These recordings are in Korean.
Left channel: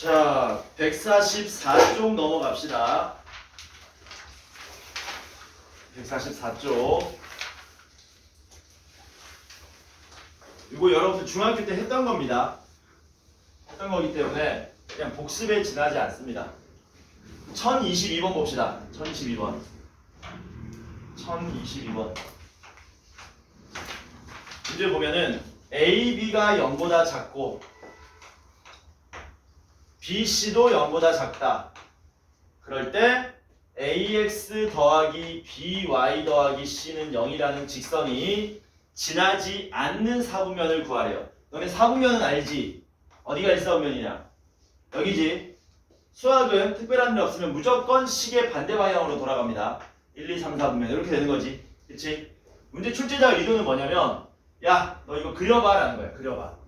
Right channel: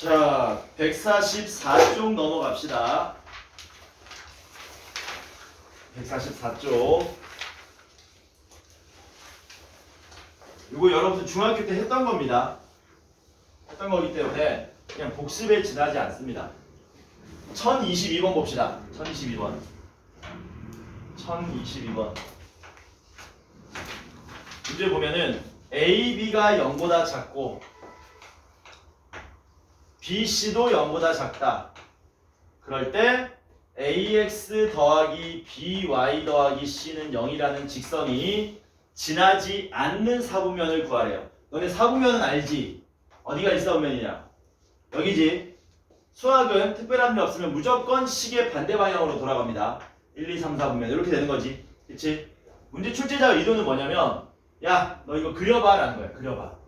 자, 144쪽 넘어갑시다. 144쪽. 이거 여러분들 중학교 때 했던 겁니다. 했던 거기 때문에 그냥 복습에 지나지 않습니다. 1022번 봅시다. 1022번. 1022번. 문제 보면은 A, B가 0보다 작고 B, C도 0보다 작다. 그럴 때 AX 더하기 BY 더하기 C는 0이라는 직선이 지나지 않는 사분면을 구하래요. 너네 사분면은 알지? 어디가 1사분면이냐? 여기지? 수학은 특별한 일 없으면 무조건 식의 반대 방향으로 돌아갑니다. 1, 2, 3, 4분면 이렇게 되는 거지. 그치? 문제 출제자 의도는 뭐냐면 야, 너 이거 그려봐 라는 거야. 그려봐.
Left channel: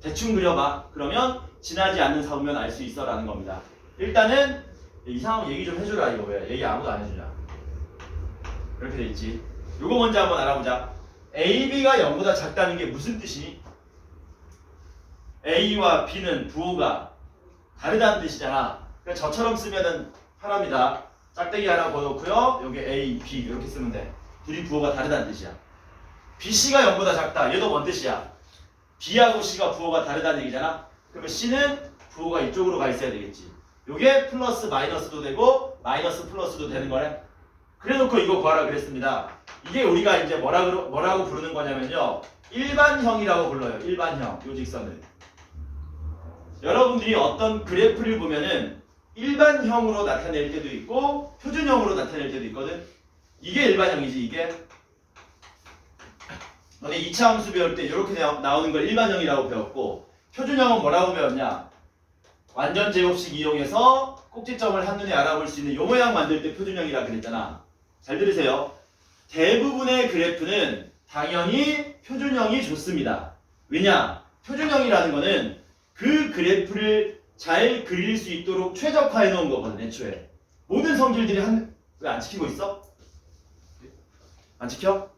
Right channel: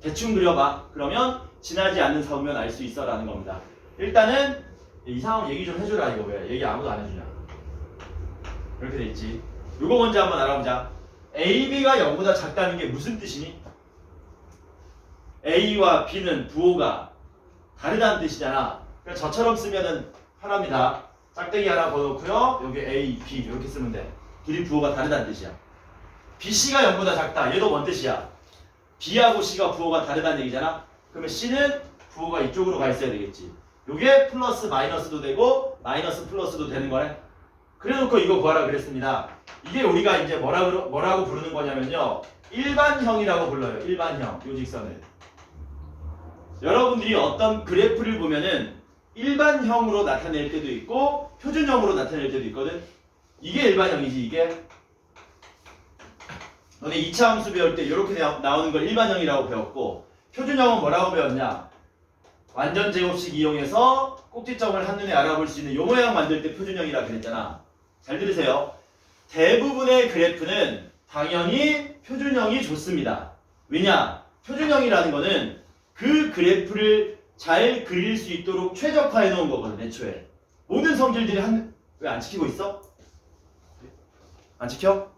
대충 그려봐. 그러면 지나지 않는 사분면 알 수 있어 라는 겁니다. 일단은 이상한 얘기 좀 해주라. 이거 왜 얘기 아무도 안 해주냐. 이렇게 돼 있지. 이거 먼저 한번 알아보자. AB가 0보다 작다는 게 무슨 뜻이니? A와 B는 부호가 다르다는 뜻이잖아. 그러니까 저처럼 쓰면은 편합니다. 짝대기 하나 걸어놓고요. 여기 A, B 이렇게 쓰면 돼. 둘이 부호가 다르다는 뜻이야. BC가 0보다 작다. 얘도 뭔 뜻이야? B하고 C가 부호가 다르다는 얘기잖아. 그러면 C는 부호가 이쪽으로 가 있어야 되겠지. 요게 플러스 마이너스도 되고 마이너스 플러스도 되는 거네. 그래놓고 이거 구하라 그랬습니다. 이게 우리가 이제 뭐라고 부르는 거냐면요. 일반형이라고 불러요. 일반형. 요 직선을. 여러분들이 어떤 그래프를 보면은 일반형으로 나타낼 때도 있고 표준형으로 나타낼 때도 있거든. 이게 일반형이지 이게. 너네 2차 함수 배울 때 이렇게 나오는 걸 일반형이라고 배웠고 표준형은 뭐라고 배웠냐? 완전 제곱식 이용해서 꼭지점을 한눈에 알아볼 수 있는 요 모양 만들 때 표준형이라 그랬잖아. 잘 들으세요. 대부분의 그래프는 당연히 표준형이 좋습니다. 왜냐? 표준형이라는 거는 그 그래프를 잘 그릴 수 있도록 최적화해 놓은 거거든. 애초에 모든 성질들이 왜 안 지키고 있어? 안 지켜?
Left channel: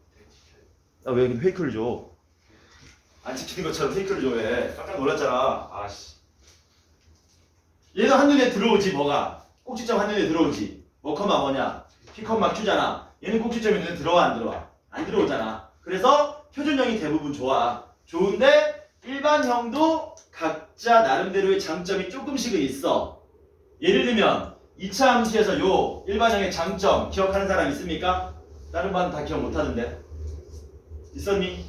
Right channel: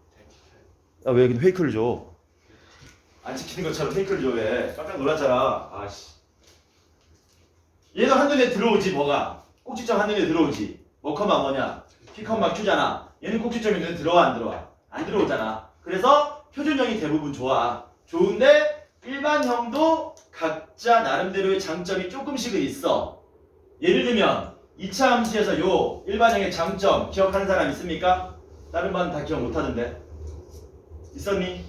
아, 왜 페이크를 줘? 안 지키는 것처럼 페이크를 줘. 왜? 깜짝 놀랐잖아. 아씨. 얘도 한눈에 들어오지. 뭐가? 꼭지점 한눈에 들어오지. 뭐 컴마 뭐냐? P 컴마 Q잖아. 얘는 꼭지점이 눈에 들어와 안 들어와? 안 들어오잖아. 그래서 표준형이 대부분 좋아. 좋은데 일반형도 각자 나름대로의 장점이 조금씩은 있어. 예를 들면 2차 함수에서 요 일반형의 장점 기억하는 사람 있습니까? 다른 반은 다 기억 못하는데. 있었니?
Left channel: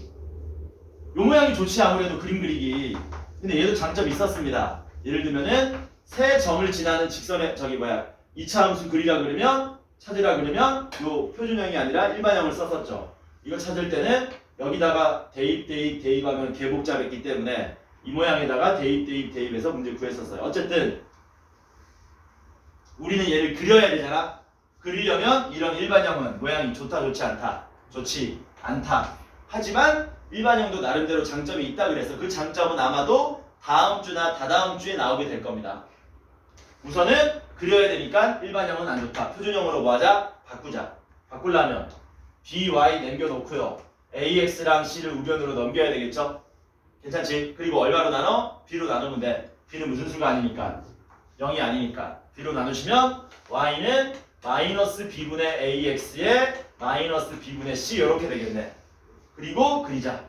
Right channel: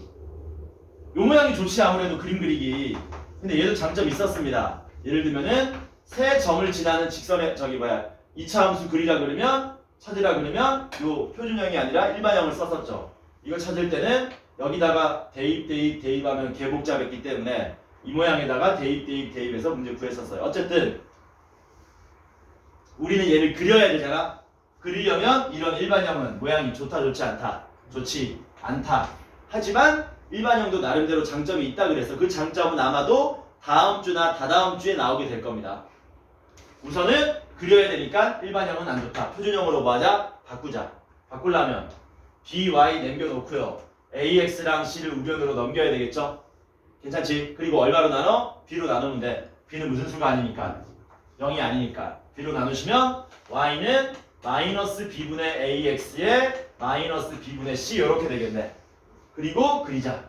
요 모양이 좋지 아무래도 그림 그리기. 근데 얘도 장점이 있었습니다. 예를 들면은 세 점을 지나는 직선의 2차 함수 그리라 그러면 찾으라 그러면 요 표준형이 아니라 일반형을 썼었죠. 이거 찾을 때는 여기다가 대입하면 개복잡했기 때문에 이 모양에다가 대입해서 문제 구했었어요. 어쨌든 우리는 얘를 그려야 되잖아. 그리려면 이런 일반형은 모양이 좋다 좋지 않다. 좋지 않다. 하지만 일반형도 나름대로 장점이 있다 그래서 그 장점은 아마도 다음 주나 다다음 주에 나오게 될 겁니다. 우선은 그려야 되니까 일반형은 안 좋다. 표준형으로 뭐 하자? 바꾸자. 바꾸려면 BY 남겨놓고요. AX랑 C를 우변으로 넘겨야 되겠죠? 괜찮지? 그리고 얼마로 나눠? B로 나누면 돼. B는 무슨 수가 아니니까. 0이 아니니까. B로 나누시면 Y는 마이너스 B분의 AX에 마이너스 B분의 C 이렇게 되겠네. 그리고 그리자.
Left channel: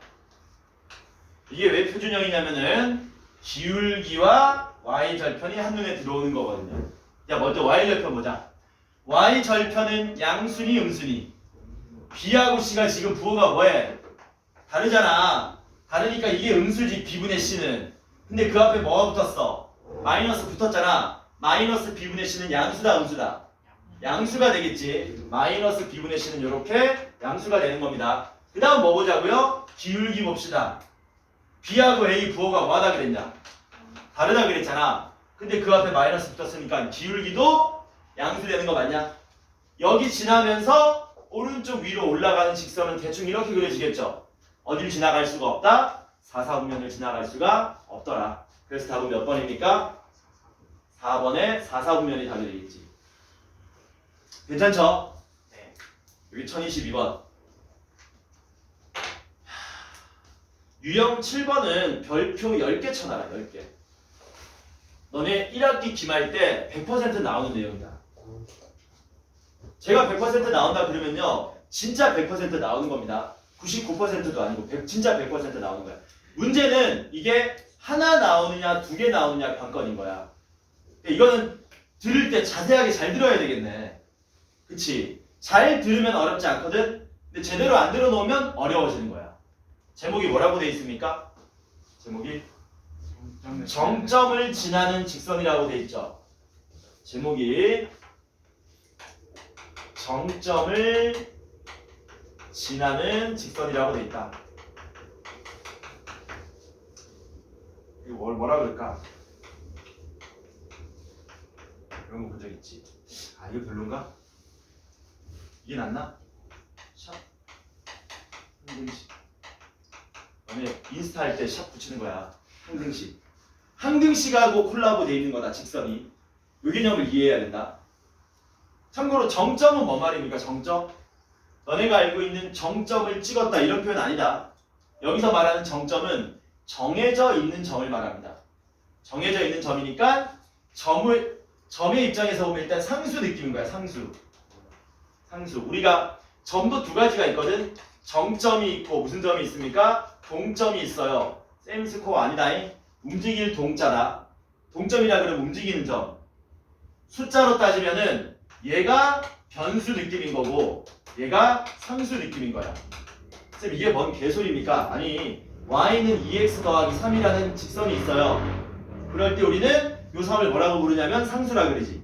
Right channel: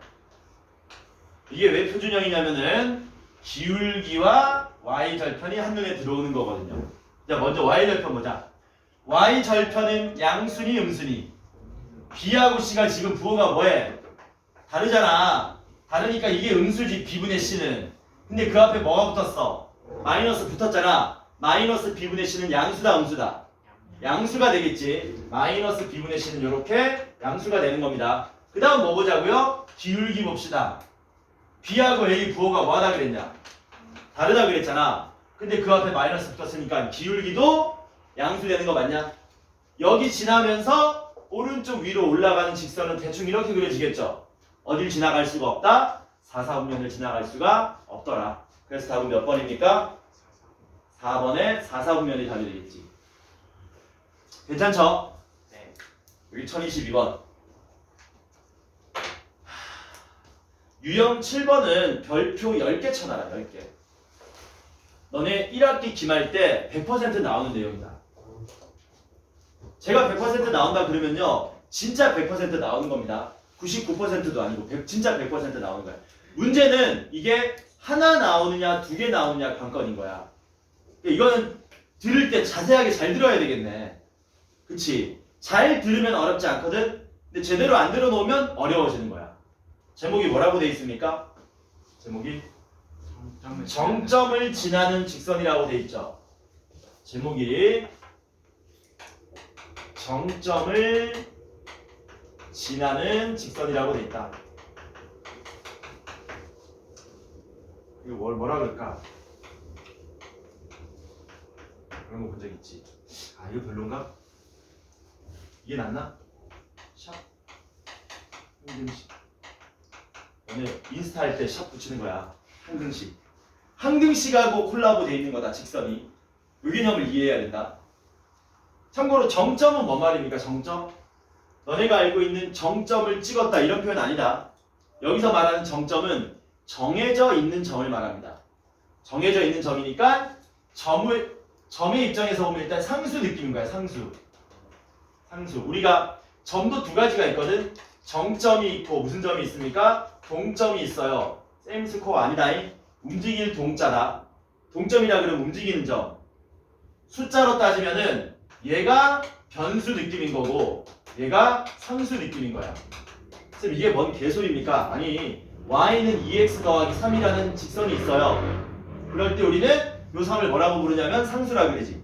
이게 왜 표준형이냐면은 기울기와 Y절편이 한눈에 들어오는 거거든요. 자, 먼저 Y절편 보자. Y절편은 양순이 음순이. B하고 C가 지금 부호가 뭐해? 다르잖아. 다르니까 이게 음수지 B분의 C는. 근데 그 앞에 뭐가 붙었어? 마이너스 붙었잖아. 마이너스 B분의 C는 양수다 음수다? 양수가 되겠지. 마이너스 B분의 C는 이렇게 양수가 되는 겁니다. 그 다음 뭐 보자고요? 기울기 봅시다. B하고 A 부호가 뭐하다 그랬냐? 다르다 그랬잖아. 근데 그 앞에 마이너스 붙었으니까 기울기도 양수 되는 거 맞냐? 여기 지나면서 오른쪽 위로 올라가는 직선은 대충 이렇게 그려지겠죠? 어딜 지나갈 수가 없다? 4사분면을 지나갈 수가 없더라. 그래서 답은 몇 번입니까? 4번에 4사분면이 답이 되겠지. 괜찮죠? 네. 여기 1022번. 유형 7번은 별표 10개 쳐놔라. 10개. 너네 1학기 기말 때 100% 나오는 내용이다. 제가 100% 나온다 그러면요 진짜 100% 나오는 겁니다. 99%도 아니고 진짜 100% 나오는 거야. 문제는 이게 하나 나오느냐 두 개 나오느냐 관건인 거야. 이거는 들을 때 자세하게 잘 들어야 되겠네. 그치? 잘 들으면 어렵지 않거든? 근데 제대로 안 들어놓으면 어려워지는 거야. 제목이 뭐라고 돼 있습니까? 제목이 정점을 지나는 직선이라고 돼 있죠. 제목이 정점을 지나는 직선이라고 돼 있다. 이거 뭐라 그럴까? 그런 거 본 적 있지. 아 이거 별론가? 이게 낫나? 샵 항등식. 너네 인스타 할 때 샵 붙이는 거야. 항등식. 항등식하고 콜라보 돼 있는 거다. 직선이. 이 개념을 이해해야 된다. 참고로 정점은 뭔 말입니까? 정점? 너네가 알고 있는 정점을 찍었다 이런 표현 아니다. 여기서 말하는 정점은 정해져 있는 점을 말합니다. 정해져 있는 점이니까 점의 입장에서 보면 일단 상수 느낌인 거야. 상수. 우리가 점도 두 가지가 있거든. 정점이 있고 무슨 점이 있습니까? 동점이 있어요. 셈 스코어 아니다잉. 움직일 동자다. 동점이라 그러면 움직이는 점. 숫자로 따지면은 얘가 변수 느낌인 거고 얘가 상수 느낌인 거야. 쌤 이게 뭔 개소리입니까? 아니 y는 2x 더하기 3이라는 직선이 있어요. 그럴 때 우리는 요 3을 뭐라고 부르냐면 상수라 그러지.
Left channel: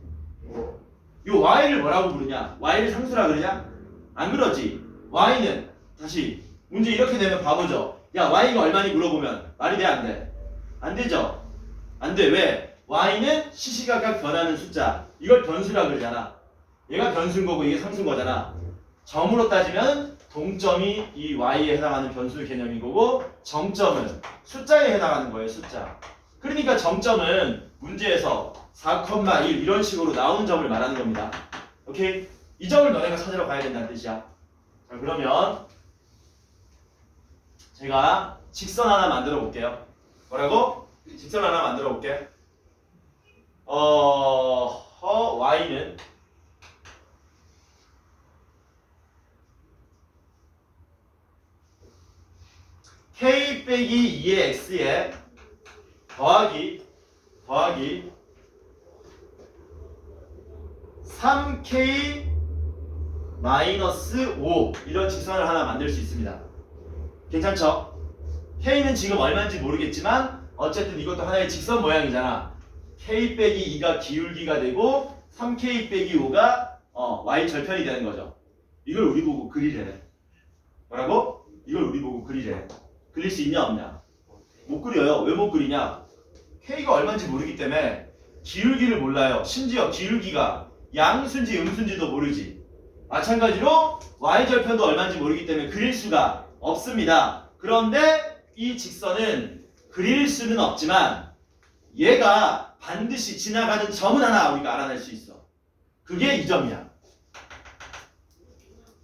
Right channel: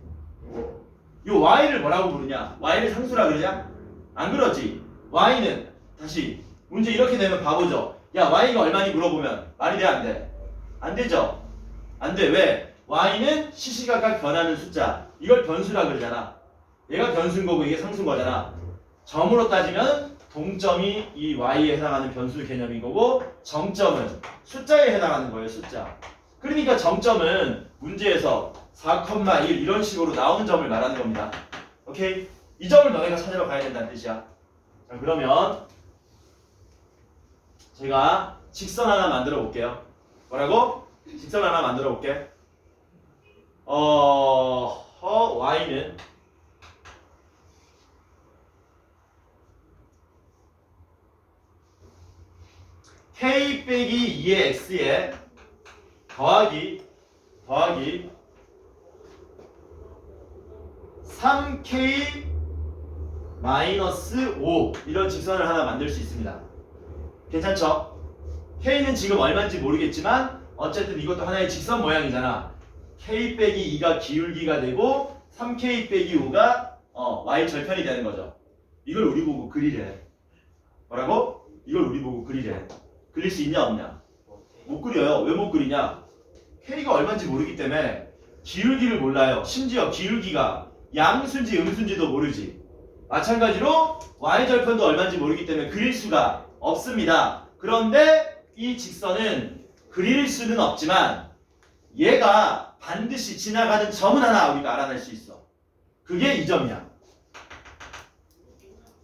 요 y를 뭐라고 부르냐? y를 상수라 그러냐? 안 그러지. y는 다시 문제 이렇게 되면 바보죠. 야 y가 얼마니 물어보면 말이 돼 안 돼? 안 되죠. 안 돼. 왜? y는 시시각각 변하는 숫자. 이걸 변수라 그러잖아. 얘가 변수인 거고 이게 상수인 거잖아. 점으로 따지면 동점이 이 y에 해당하는 변수 개념인 거고 정점은 숫자에 해당하는 거예요. 숫자. 그러니까 정점은 문제에서 4,1 이런 식으로 나오는 점을 말하는 겁니다. 오케이? 이 점을 너네가 찾으러 가야 된다는 뜻이야. 자, 그러면 제가 직선 하나 만들어 볼게요. 뭐라고? 직선 하나 만들어 볼게. y는 k 빼기 2의 x에 더하기 3k 마이너스 5 이런 직선을 하나 만들 수 있습니다. 괜찮죠? k는 지금 얼마인지 모르겠지만 어쨌든 이것도 하나의 직선 모양이잖아. k 빼기 2가 기울기가 되고 3k 빼기 5가 y 절편이 되는 거죠. 이걸 우리 보고 그리래. 뭐라고? 이걸 우리 보고 그리래. 그릴 수 있냐 없냐? 못 그려요. 왜 못 그리냐? k가 얼마인지 모르기 때문에 기울기를 몰라요. 심지어 기울기가 양수인지 음수인지도 모르지. 마찬가지로 y절편도 얼마인지 모르기 때문에 그릴 수가 없습니다. 그런데 이 직선은 그릴 수는 없지만 얘가 반드시 지나가는 점은 하나 우리가 알아낼 수 있어. 그게 이 점이야.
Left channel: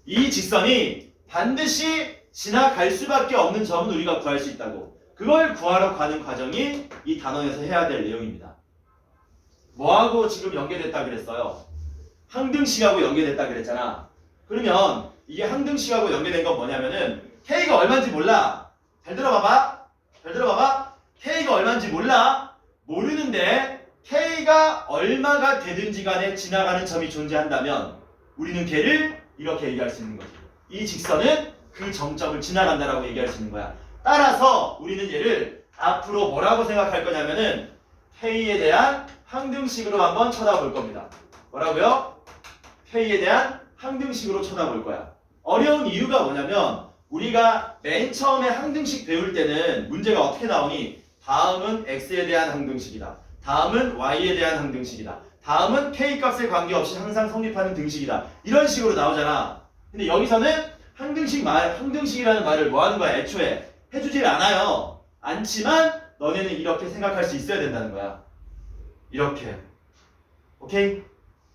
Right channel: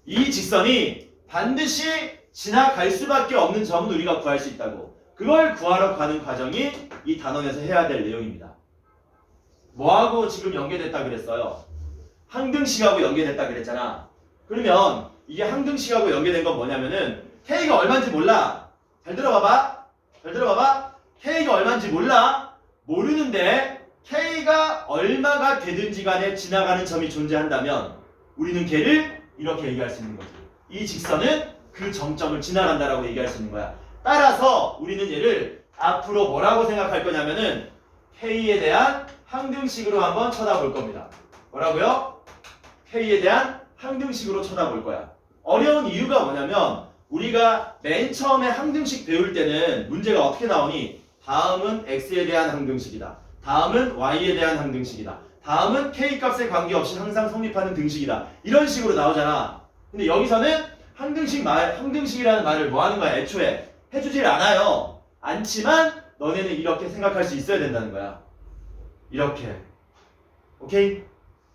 이 직선이 반드시 지나갈 수밖에 없는 점은 우리가 구할 수 있다고. 그걸 구하러 가는 과정이 이 단원에서 해야 될 내용입니다. 뭐하고 지금 연계됐다 그랬어요? 항등식하고 연계됐다 그랬잖아. 그러면 이게 항등식하고 연계된 건 뭐냐면은 k가 얼마인지 몰라. 잘 들어봐봐. k가 얼마인지 몰라. 모르는데 k가 얼마가 되든지 간에 지나가는 점이 존재한다면 우리는 걔를 이렇게 얘기할 수 있는 거지. 이 직선은 그 정점을 지나간다라고 얘기할 수 있는 거야. 따라서 우리는 얘를 앞으로 뭐라고 생각할 거냐면은 k에 대한 항등식으로 한번 쳐다볼 겁니다. 뭐라고요? k에 대한 항등식으로 쳐다볼 거야. 어려운 이유가 뭐냐면 우리가 맨 처음에 항등식 배울 때는 문제가 어떻게 나오니? 다음은 x에 대한 항등식이다. 다음은 y에 대한 항등식이다. 다음은 k 값에 관계없이 항상 성립하는 등식이다. 이런 식으로 나오잖아. 근데 여기서는 항등식이라는 말을 뭐 하는 거야? 애초에 해주질 않아요. 않지만 너네는 이렇게 생각할 수 있어야 된다는 거야. 이렇게. 오케이?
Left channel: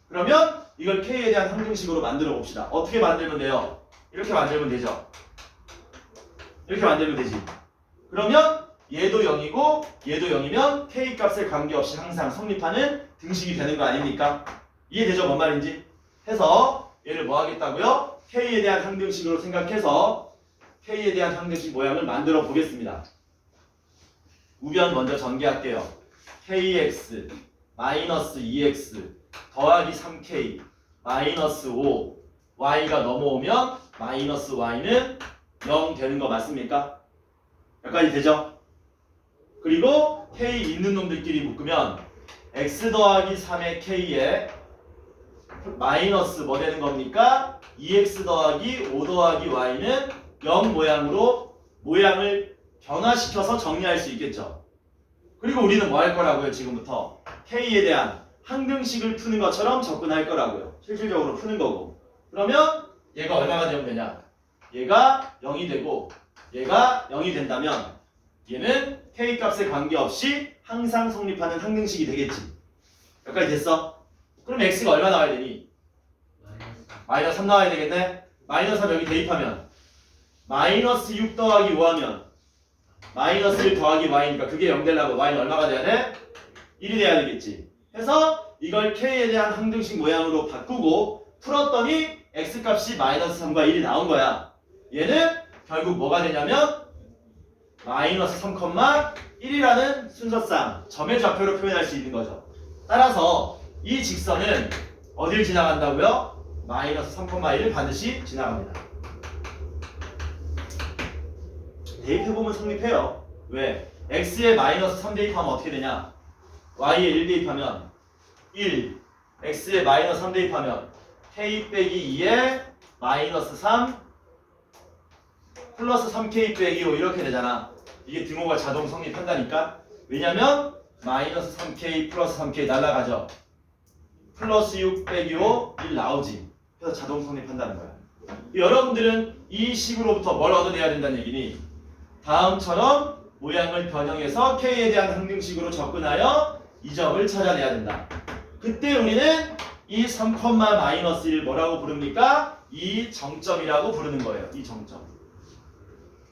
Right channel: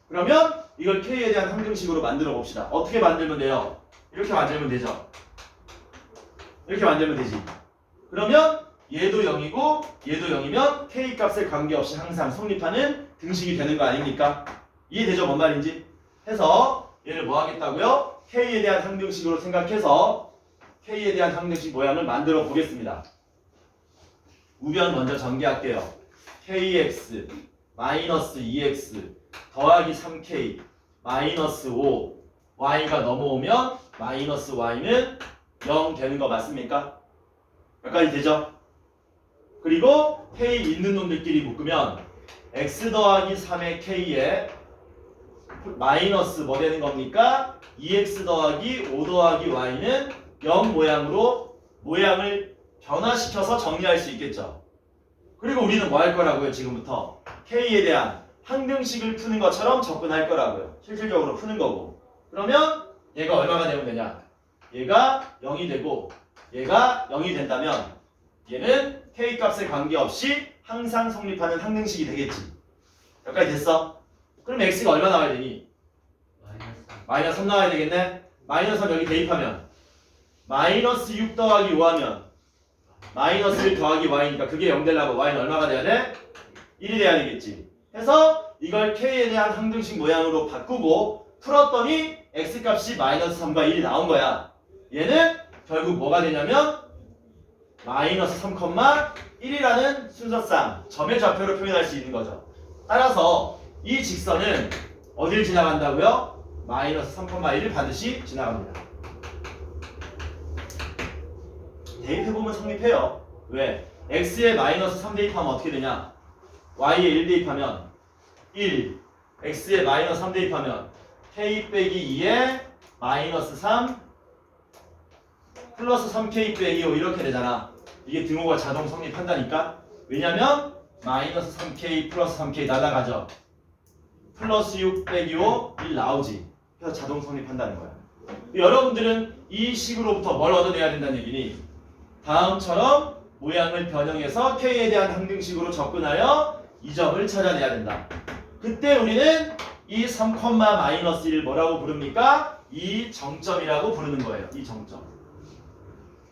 그러면 이걸 k에 대한 항등식으로 만들어 봅시다. 어떻게 만들면 돼요? 이렇게 만들면 되죠. 이렇게 만들면 되지. 그러면 얘도 0이고 얘도 0이면 k 값에 관계없이 항상 성립하는 등식이 되는 거 아닙니까? 이해되죠? 뭔 말인지? 해서 얘를 뭐 하겠다고요? k에 대한 항등식으로 생각해서 k에 대한 항등식 모양을 만들어 보겠습니다. 우변 먼저 전개할게요. kx 마이너스 2x 더하기 3k 마이너스 5 y가 넘어오면 마이너스 y는 0 되는 거 맞습니까? 여기까지 되죠? 그리고 k 있는 놈들끼리 묶으면 x 더하기 3의 k에 마이너스 뭐 되는 겁니까? 2x 더하기 5 더하기 y는 0 모양으로 모양을 변화시켜서 정리할 수 있겠죠. 그리고 우리는 뭐 할 거라고요? 지금부터 k에 대한 항등식을 푸는 것처럼 접근할 거라고요. 실질적으로 푸는 거고. 그러면 얘가 얼마가 되면 되냐? 얘가 0이 되고 얘가 0이 된다면 얘는 k 값에 관계없이 항상 성립하는 항등식이 되겠지. 여기까지 됐어? 그럼 x가 얼마 나와야 되니? 마이너스 3 나와야 되겠네? 마이너스 3 여기 대입하면 마이너스 6 더하기 5 하면 마이너스 1 더하기 y니까 그게 0 되려면 y는 얼마가 돼야 돼? 1이 돼야 되겠지. 해서 이걸 k에 대한 항등식 모양으로 바꾸고 풀었더니 x값이 마이너스 3과 1이 나온 거야. 얘는 결국 뭐가 되냐면 마이너스 3,1이라는 순서상 점의 좌표로 표현할 수 있는 거죠. 따라서 이 직선은 어딜 지나간다고요? 마이너스 3,1을 반드시 지나갑니다. 대입해보면 성립해요. 왜? x에 마이너스 3 대입하면 어떻게 되냐? y에 1 대입하면 1, x에 마이너스 3 대입하면 k 빼기 2에 마이너스 3 플러스 3k 빼기 5 이렇게 되잖아. 이게 등호가 자동 성립한다니까. 왜냐면 마이너스 3k 플러스 3k 날라가죠. 플러스 6 빼기 5 1 나오지. 그래서 자동 성립한다는 거야. 여러분들은 이 식으로부터 뭘 얻어내야 된다는 얘기니? 다음처럼 모양을 변형해서 k에 대한 항등식으로 접근하여 이 점을 찾아내야 된다. 그때 우리는 이 3,-1 뭐라고 부릅니까? 이 정점이라고 부르는 거예요. 이 정점.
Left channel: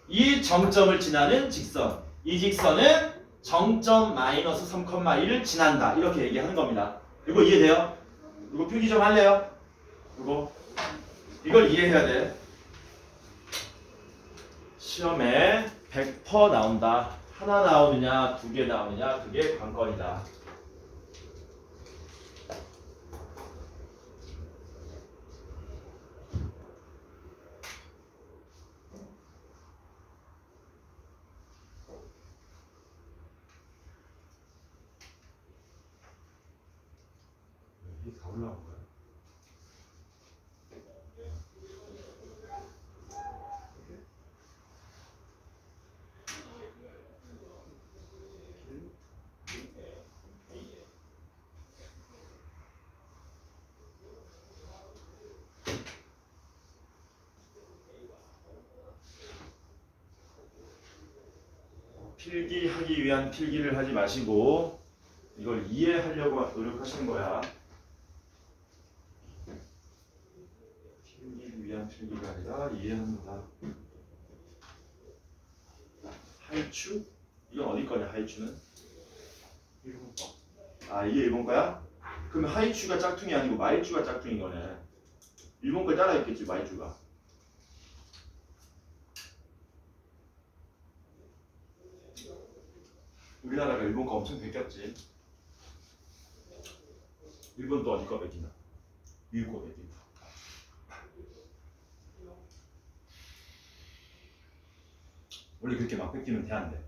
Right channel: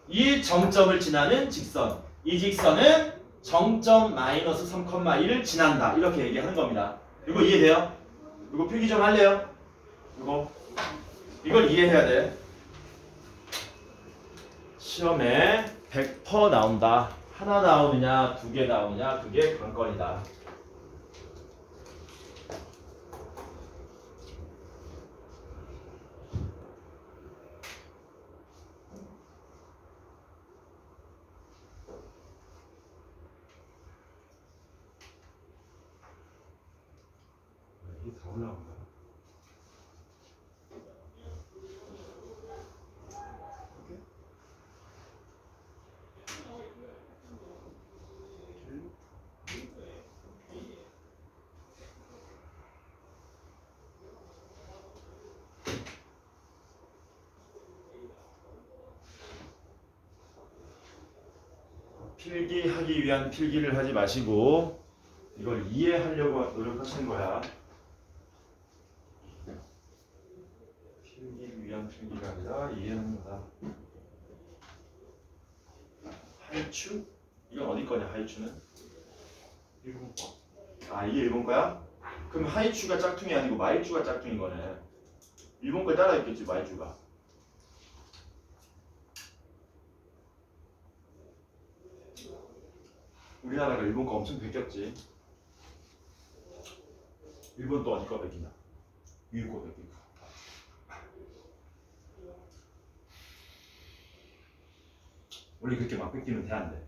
이 정점을 지나는 직선. 이 직선은 정점 마이너스 3,1을 지난다. 이렇게 얘기하는 겁니다. 이거 이해돼요? 이거 필기 좀 할래요? 이걸 이해해야 돼. 시험에 100% 나온다. 하나 나오느냐, 두 개 나오느냐, 그게 관건이다. 이게 다 올라온 거야. 필기하기 위한 필기를 하지 마시고 이걸 이해하려고 노력하시는 거야. 필기 위한 필기가 아니라 이해하는 거다. 하이추? 이건 어디 거냐 하이추는? 일본 거. 아 이게 일본 거야? 그러면 하이추가 짝퉁이 아니고 마이추가 짝퉁인 거네. 일본 거 따라 있겠지 마이추가. 우리나라가 일본 거 엄청 베꼈지. 일본 또 어디 거 베끼나? 미국 거 베끼고. 원래 그렇게 막 뺏기면 돼 안 돼?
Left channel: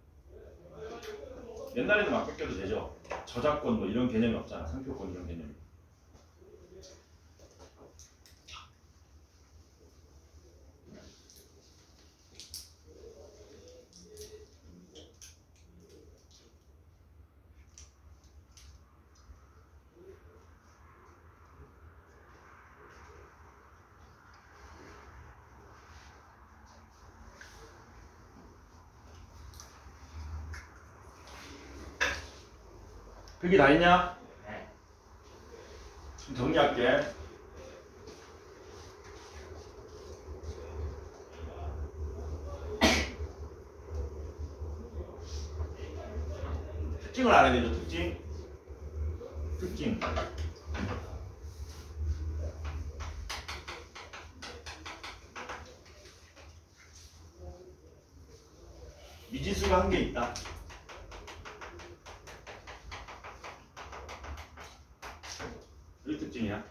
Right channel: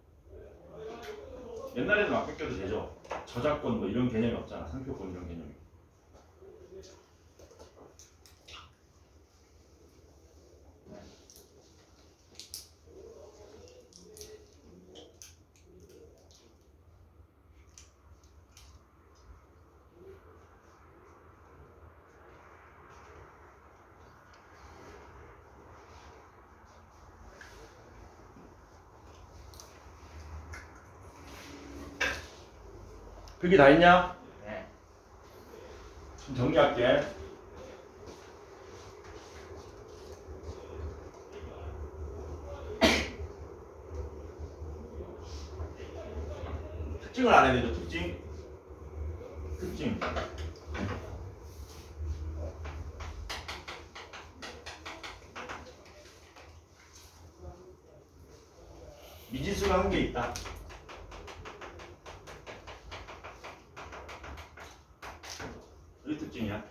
옛날에는 막 뺏겨도 되죠. 저작권 뭐 이런 개념이 없잖아. 상표권 이런 개념이. 그게 다 있냐? 네. 좀 정리할게. 특징을 알아야 되죠. 특징. 미지수가 한 개 있다. 이 특징이야.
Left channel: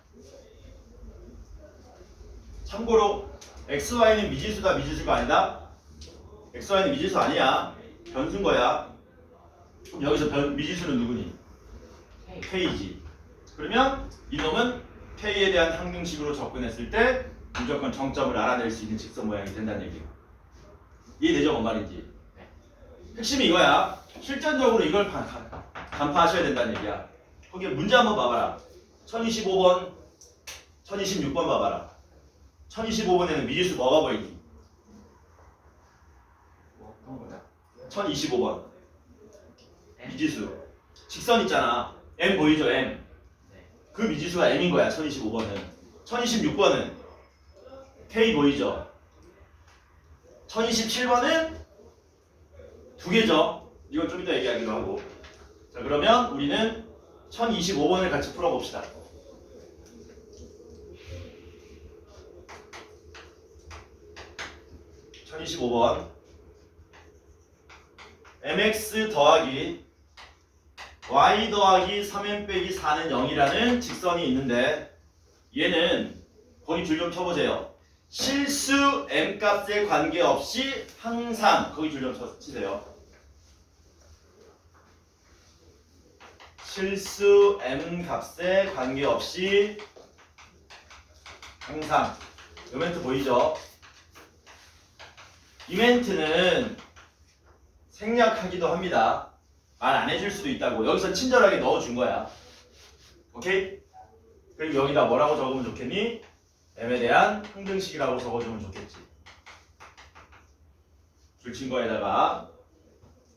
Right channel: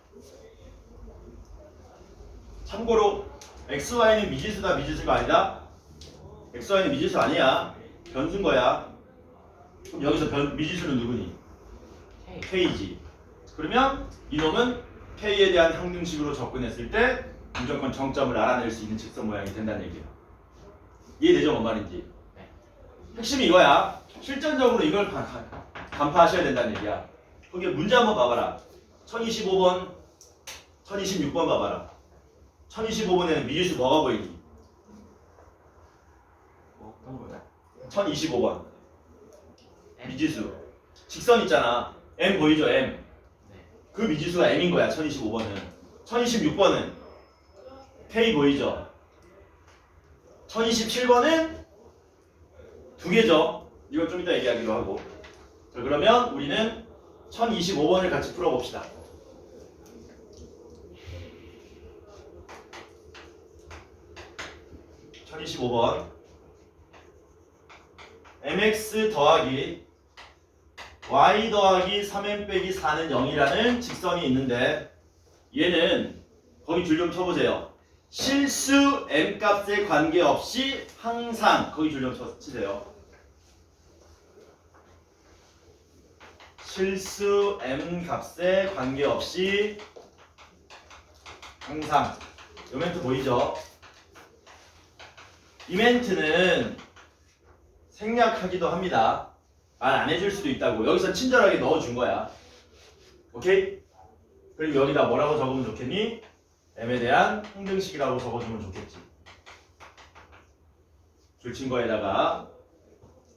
참고로 XY는 미지수다, 미지수가 아니다. XY는 미지수 아니야. 변수인 거야. 그럼 여기서 미지수는 누구니? K지. 그러면 이놈은 K에 대한 항등식으로 접근했을 때 무조건 정점을 알아낼 수 있는 직선 모양이 된다는 얘기야. 이해되죠? 뭔 말인지. 핵심이 이거야. 실전적으로 이걸 간파하셔야 된다는 얘기야. 거기에 문제 한번 봐봐라. 1025번, 1026번 봐봐라. 1025번에는 미지수 뭐가 보이니? 어떤 거야? 1025번 미지수 직선 있잖아. M 보이죠? M. 그 미지수가 M인 거야. 1025번은. 1026번은 K 보이죠? 1027번은 두 개죠. 이건 좀 이따 얘기하기로 하고. 자, 그러면 우리는 1025번을 같이 풀어봅시다. (1025번) mx 더하기 y 더하기 3m 빼기 4는 0이라는 직선이 있는데 얘는 거기 줄 좀 쳐보세요. 실수 m 값에 관계없이 항상 거기 줄 좀 치세요. 실수 m 값에 관계없이 항상. 이 멘트 보이죠? 이 멘트는 생략하기도 합니다. 말 안 해줄 수도 있다고. 여기서 친절하게 넣어준 거야. 오케이? 그리고 여기다 뭐라고 적으면 좋겠니? m에 대한 항등식이라고 적어주면 좋겠지. 줄친 거에다가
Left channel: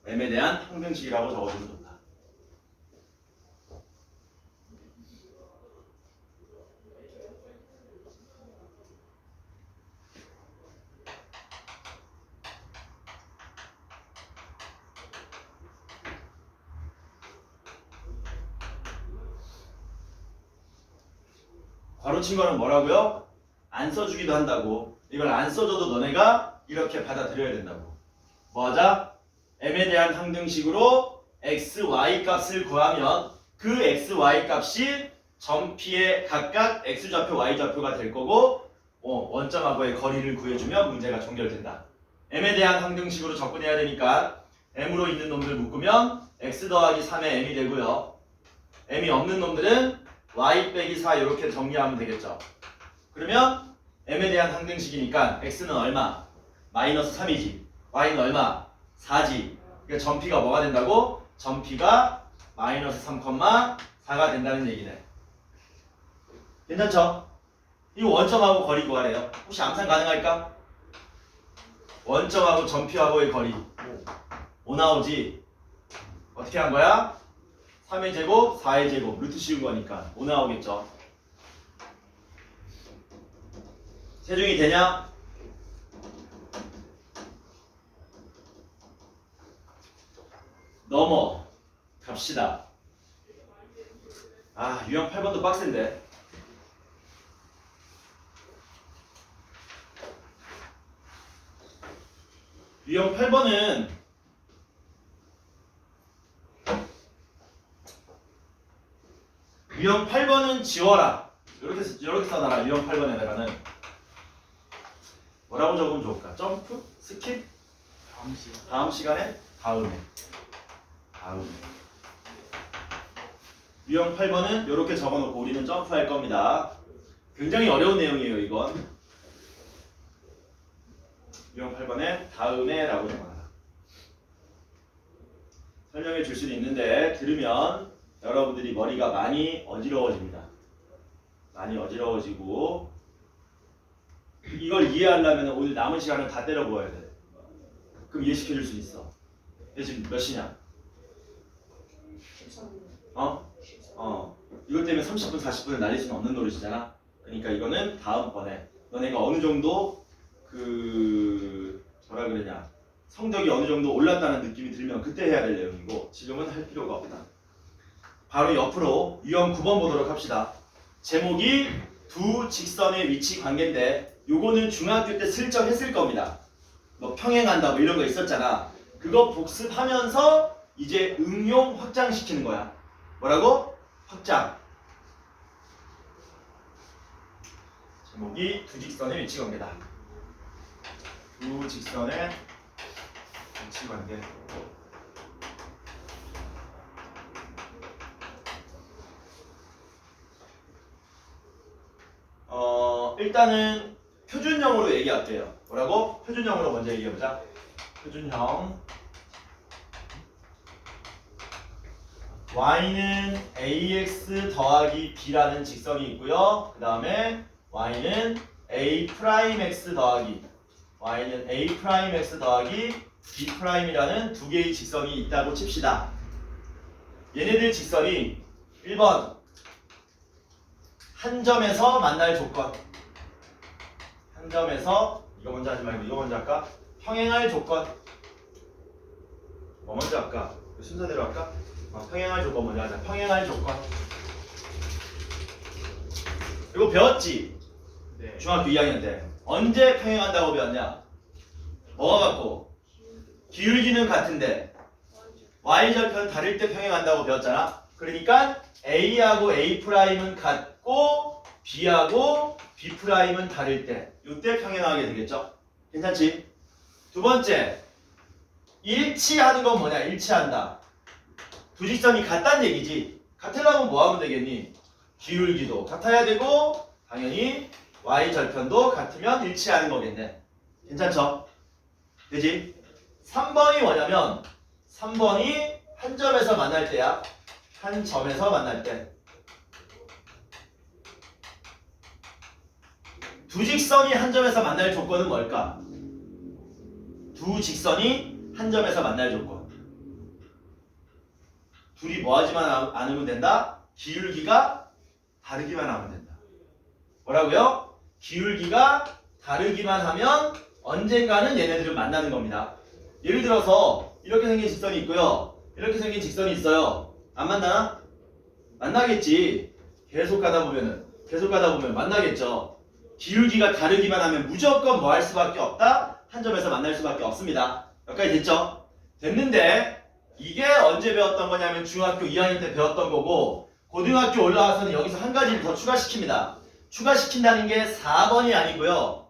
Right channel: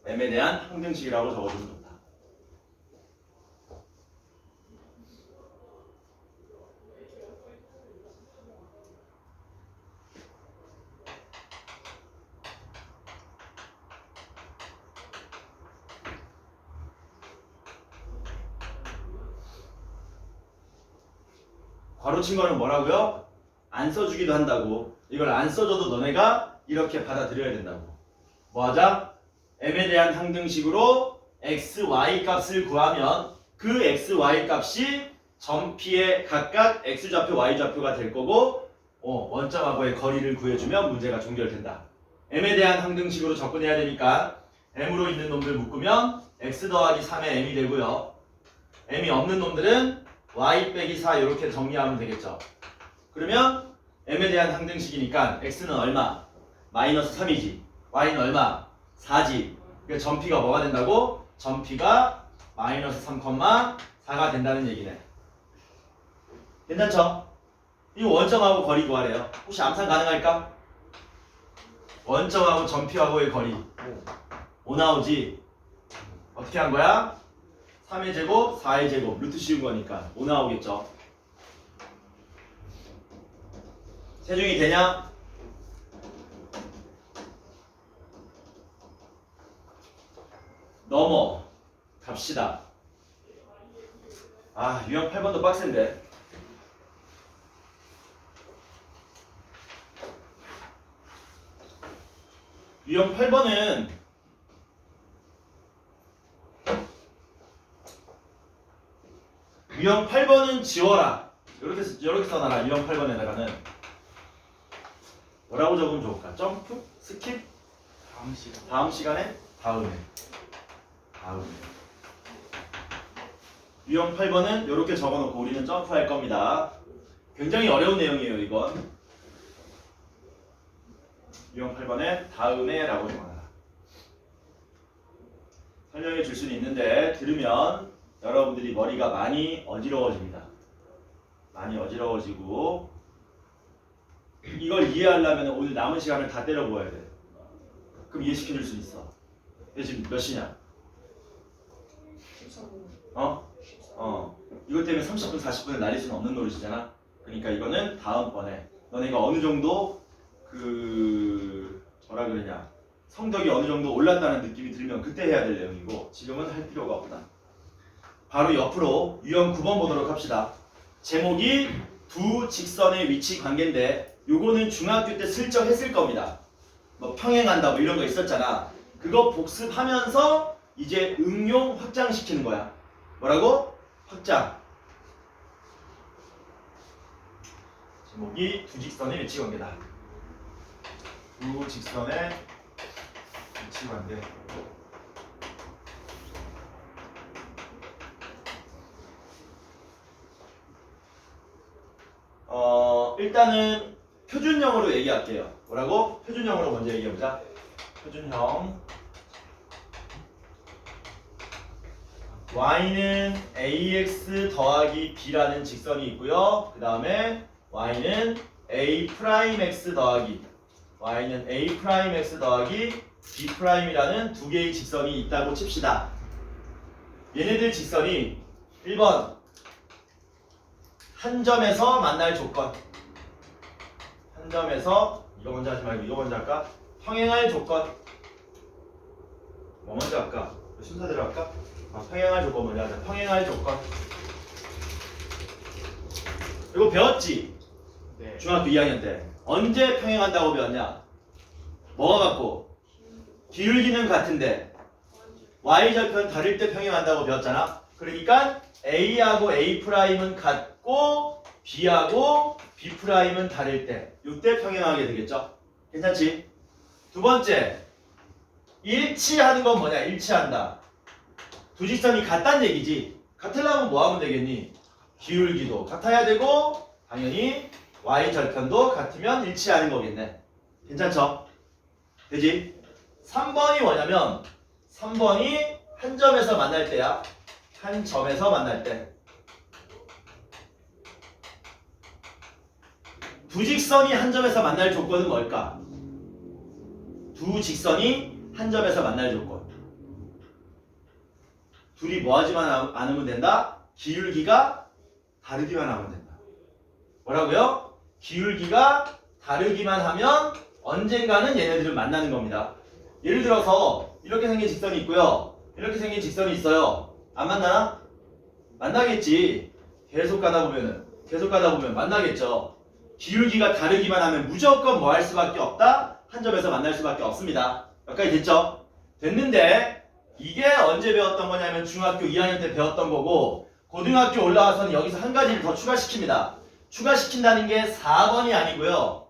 m에 대한 항등식이라고 적어주면 좋다. 괄호친 거는 뭐라고요? 안 써주기도 한다고. 이걸 안 써줘도 너네가 이렇게 받아들여야 된다고. 뭐 하자? m에 대한 항등식으로 x, y 값을 구하면 그 x, y 값이 점피의 각각 x좌표, y좌표가 될 거고 원점하고의 거리를 구해주면 문제가 종결된다. m에 대한 항등식으로 접근해야 되니까 m으로 있는 놈들 묶으면 x 더하기 3의 m이 되고요. m이 없는 놈들은 y 빼기 4 이렇게 정리하면 되겠죠. 그러면 m에 대한 항등식이니까 x는 얼마? 마이너스 3이지. y는 얼마? 4지. 그러니까 점피가 뭐가 된다고? 점피가 마이너스 3,4가 된다는 얘기네. 괜찮죠? 이 원점하고 거리 구하래요. 혹시 암산 가능할까? 원점하고 점피하고의 거리 5 나오지? 어떻게 한 거야? 3의 제곱, 4의 제곱, 루트 씌운 거니까 5 나오겠죠. 세중이 되냐? 넘어 갑시다. 아, 유형 8번도 빡센데. 유형 8번은 지워라. 이렇게 써놔라. 유형 8번에다가는 뭐라고 적으면 좋을까? 점프? 스킵? 다음 시간에? 다음에. 유형 8번은 이렇게 적어놓고 우리는 점프할 겁니다. 굉장히 어려운 내용이에요, 이건. 유형 8번에 다음에 라고 적어놔라. 설명해 줄 수는 있는데 들으면 여러분들이 머리가 많이 어지러워집니다. 많이 어지러워지고 이걸 이해하려면 오늘 남은 시간을 다 때려 부어야 돼. 그럼 이해시켜 줄 수 있어. 근데 지금 몇 시냐? 13분. 이것 때문에 30분, 40분을 날릴 수는 없는 노릇이잖아. 그러니까 이거는 다음번에 너네가 어느 정도 뭐라 그러냐 성적이 어느 정도 올랐다는 느낌이 들면 들면 그때 해야 될 내용이고 지금은 할 필요가 없다. 바로 옆으로 유형 9번 보도록 합시다. 제목이 두 직선의 위치 관계인데 요거는 중학교 때 슬쩍 했을 겁니다. 뭐 평행한다 뭐 이런 거 있었잖아. 그거 복습하면서 이제 응용 확장시키는 거야. 뭐라고? 확장. 제목이 두 직선의 위치 관계다. 두 직선의 위치 관계. 일단은 표준형으로 얘기할게요. 뭐라고? 표준형으로 먼저 얘기해보자. 표준형. y는 ax 더하기 b라는 직선이 있고요. 그 다음에 y는 a'x 더하기 y는 a'x 더하기 b'이라는 두 개의 직선이 있다고 칩시다. 얘네들 직선이 1번 한 점에서 만날 조건. 한 점에서 이거 먼저 하지 말고 이거 먼저 할까? 평행할 조건. 뭐 먼저 할까? 순서대로 할까? 평행할 조건 먼저 하자. 평행할 조건. 이거 배웠지? 네. 중학교 2학년 때. 언제 평행한다고 배웠냐? 뭐가 같고? 기울기는 같은데 y절편 다를 때 평행한다고 배웠잖아. 그러니까 a하고 a'은 같고 b하고 b'은 다를 때 이때 평행하게 되겠죠? 괜찮지? 두 번째, 일치하는 건 뭐냐? 일치한다. 두 직선이 같다는 얘기지. 같으려면 뭐 하면 되겠니? 기울기도 같아야 되고 당연히 y절편도 같으면 일치하는 거겠네. 괜찮죠? 되지? 3번이 뭐냐면 3번이 한 점에서 만날 때야. 한 점에서 만날 때. 두 직선이 한 점에서 만날 조건은 뭘까? 두 직선이 한 점에서 만날 조건. 둘이 뭐 하지만 않으면 된다? 기울기가 다르기만 하면 된다. 뭐라고요? 기울기가 다르기만 하면 언젠가는 얘네들은 만나는 겁니다. 예를 들어서 이렇게 생긴 직선이 있고요. 이렇게 생긴 직선이 있어요. 안 만나? 만나겠지. 계속 가다 보면 만나겠죠. 기울기가 다르기만 하면 무조건 뭐 할 수밖에 없다? 한 점에서 만날 수밖에 없습니다. 여기까지 됐죠? 됐는데 이게 언제 배웠던 거냐면 중학교 2학년 때 배웠던 거고 고등학교 올라와서는 여기서 한 가지를 더 추가시킵니다. 추가시킨다는 게 4번이 아니고요.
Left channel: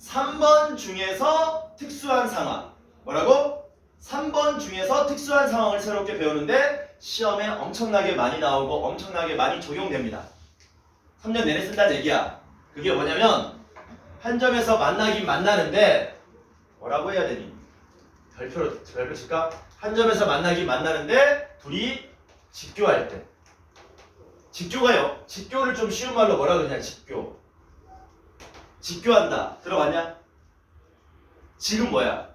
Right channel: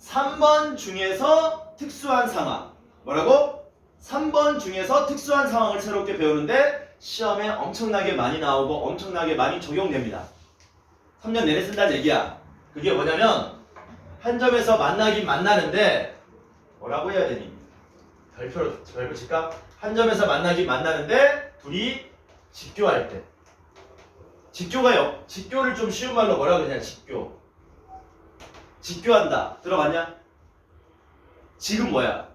3번 중에서 특수한 상황. 뭐라고? 3번 중에서 특수한 상황을 새롭게 배우는데 시험에 엄청나게 많이 나오고 엄청나게 많이 적용됩니다. 3년 내내 쓴다는 얘기야. 그게 뭐냐면 한 점에서 만나긴 만나는데 뭐라고 해야 되니? 별표 칠까? 한 점에서 만나긴 만나는데 둘이 직교할 때. 직교가요. 직교를 좀 쉬운 말로 뭐라고 그러냐? 직교. 직교한다. 들어봤냐? 지금 뭐야?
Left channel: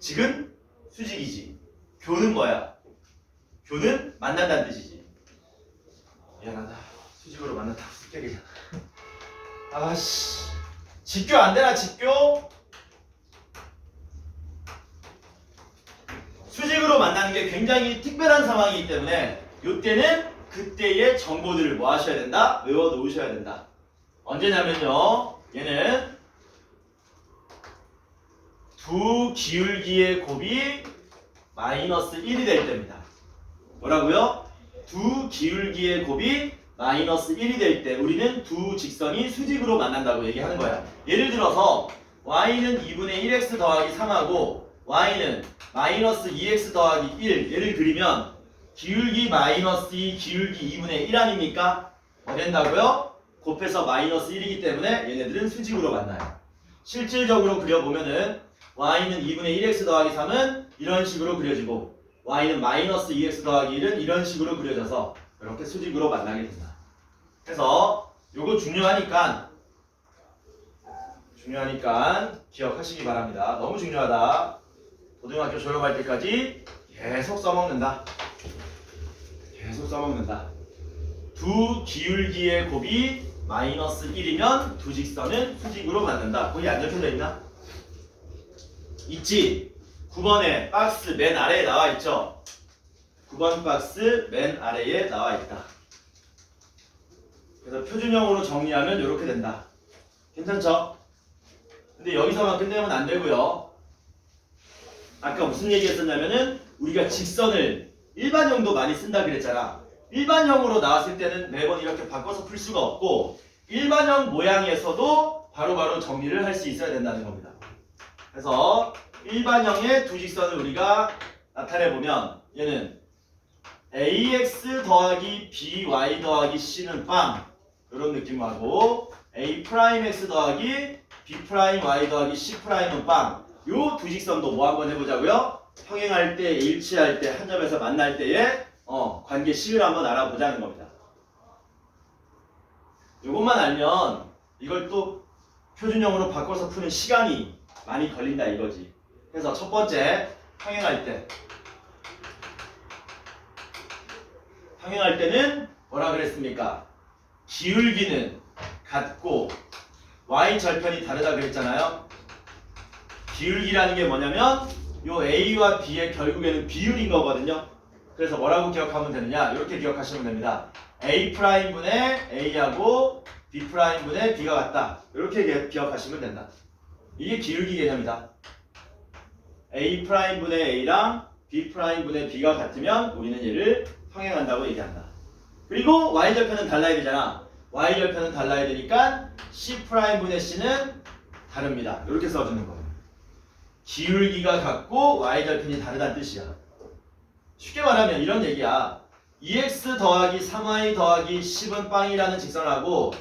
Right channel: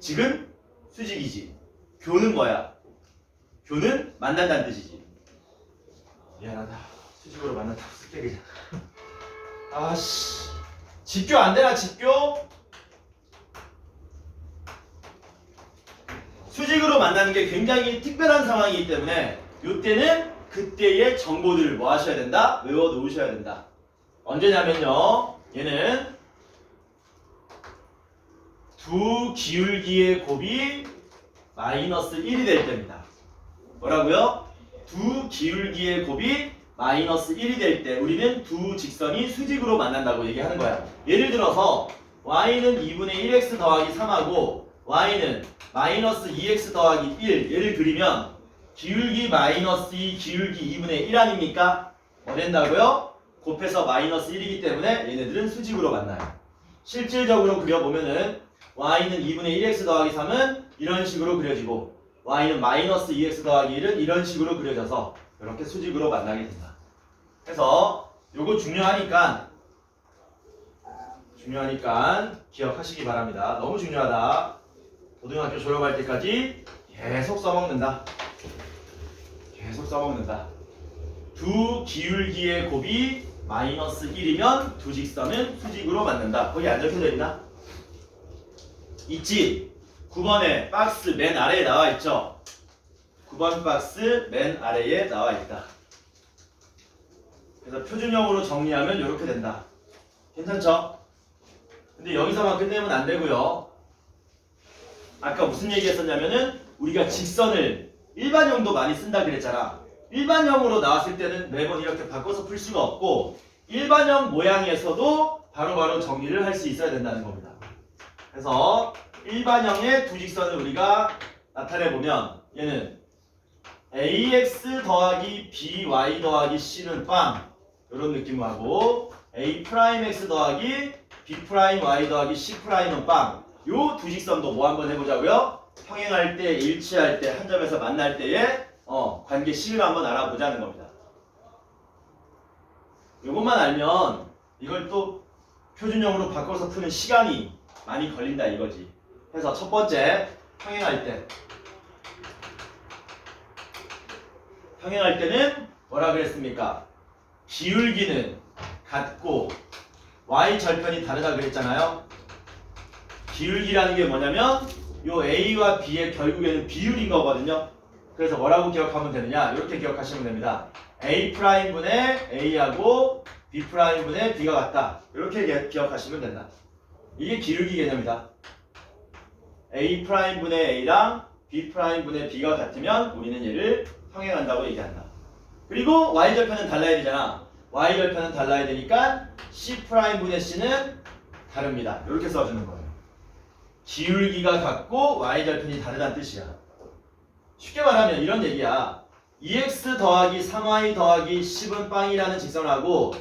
지금 수직이지. 교는 뭐야? 교는 만난다는 뜻이지. 미안하다. 수직으로 만난다고 쓸게 그냥. 아씨. 직교 안 되나 직교? 수직으로 만나는 게 굉장히 특별한 상황이기 때문에 이때는 그때의 정보들을 뭐 하셔야 된다? 외워 놓으셔야 된다. 언제냐면요. 얘는 두 기울기의 곱이 마이너스 1이 될 때입니다. 뭐라고요? 두 기울기의 곱이 마이너스 1이 될 때 우리는 두 직선이 수직으로 만난다고 얘기하는 거야. 예를 들어서 y는 2분의 1x 더하기 3하고 y는 마이너스 2x 더하기 1 예를 들면 기울기 마이너스 2 기울기 2분의 1 아닙니까? 뭐 된다고요? 곱해서 마이너스 1이기 때문에 얘네들은 수직으로 만나요. 실질적으로 그려보면은 y는 2분의 1x 더하기 3은 이런 식으로 그려지고 y는 마이너스 2x 더하기 1은 이런 식으로 그려져서 이렇게 수직으로 만나게 된다. 그래서 요거 중요하니까 기억하시기 바랍니다. 너무 중요하다. 고등학교 졸업할 때까지 계속 써먹는다. 두 기울기의 곱이 마이너스 1이면 두 직선은 수직으로 만든다. 거기 안 적혀져 있나? 있지? 9번에 박스 맨 아래에 나와 있죠. 9번 박스 맨 아래에 나와 있다. 그래서 표준형으로 정리하면 이렇게 된다. 괜찮죠? 근데 여기서만 끝내면 안 되고요. 아까 무슨 얘기 했었냐면은 우리가 직선을 일반형도 많이 쓴다 그랬잖아. 일반형으로 나왔을 때는 매번 이렇게 바꿔서 풀 수가 없고 일반형 모양에서도 바로바로 정리를 할 수 있어야 된다는 겁니다. 그래서 일반형의 두 직선을 우리가 나타내보면 얘는 ax 더하기 by 더하기 c는 빵 이런 느낌으로 하고 a'x 더하기 b'y 더하기 c'은 빵 요 두 직선도 뭐 한번 해보자고요? 평행할 때, 일치할 때, 한 점에서 만날 때의 관계식을 한번 알아보자는 겁니다. 요것만 알면 이걸 또 표준형으로 바꿔서 푸는 시간이 많이 걸린다 이거지. 그래서 첫 번째 평행할 때는 뭐라 그랬습니까? 기울기는 같고 y 절편이 다르다 그랬잖아요. 기울기라는 게 뭐냐면 요 a와 b의 결국에는 비율인 거거든요. 그래서 뭐라고 기억하면 되느냐? 이렇게 기억하시면 됩니다. a'분의 a하고 b'분의 b가 같다. 이렇게 기억하시면 된다. 이게 기울기 개념이다. a'분의 a랑 b'분의 b가 같으면 우리는 얘를 평행한다고 얘기한다. 그리고 y절편은 달라야 되잖아. y절편은 달라야 되니까 c'분의 c는 다릅니다. 이렇게 써주는 거예요. 기울기가 같고 y절편이 다르다는 뜻이야. 쉽게 말하면 이런 얘기야. 2x 더하기 3y 더하기 10은 빵이라는 직선하고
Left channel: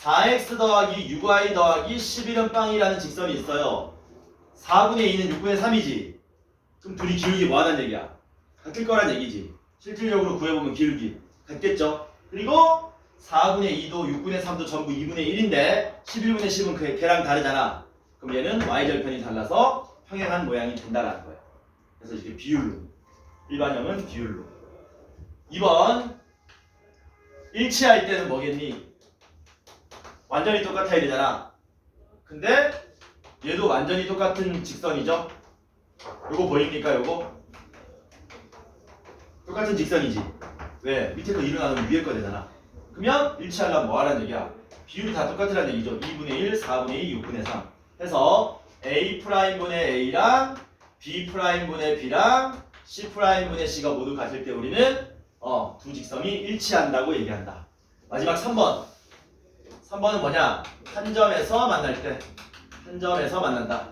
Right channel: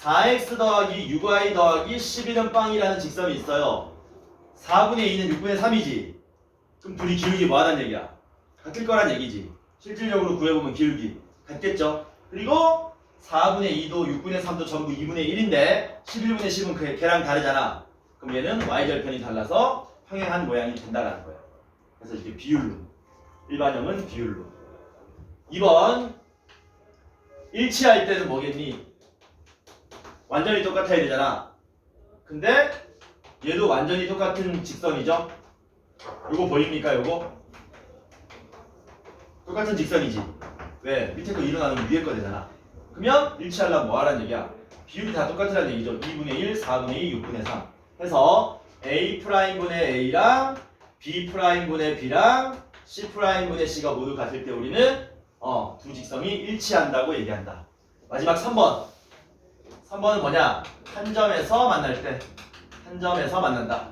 4x 더하기 6y 더하기 11은 빵이라는 직선이 있어요. 4분의 2는 6분의 3이지. 그럼 둘이 기울기 뭐하다는 얘기야? 같을 거란 얘기지. 실질적으로 구해보면 기울기 같겠죠. 그리고 4분의 2도 6분의 3도 전부 2분의 1인데 11분의 10은 걔랑 다르잖아. 그럼 얘는 y절편이 달라서 평행한 모양이 된다는 거예요. 그래서 이렇게 비율로. 일반형은 비율로. 2번 일치할 때는 뭐겠니? 완전히 똑같아야 되잖아. 근데 얘도 완전히 똑같은 직선이죠. 요거 보입니까? 요거? 똑같은 직선이지. 왜? 밑에 거 일어나면 위에 거 되잖아. 그러면 일치하려면 뭐 하라는 얘기야? 비율이 다 똑같으라는 얘기죠. 2분의 1, 4분의 2, 6분의 3 해서 A'분의 A랑 B'분의 B랑 C'분의 C가 모두 같을 때 우리는 두 직선이 일치한다고 얘기한다. 마지막 3번. 3번은 뭐냐? 한 점에서 만날 때. 한 점에서 만난다.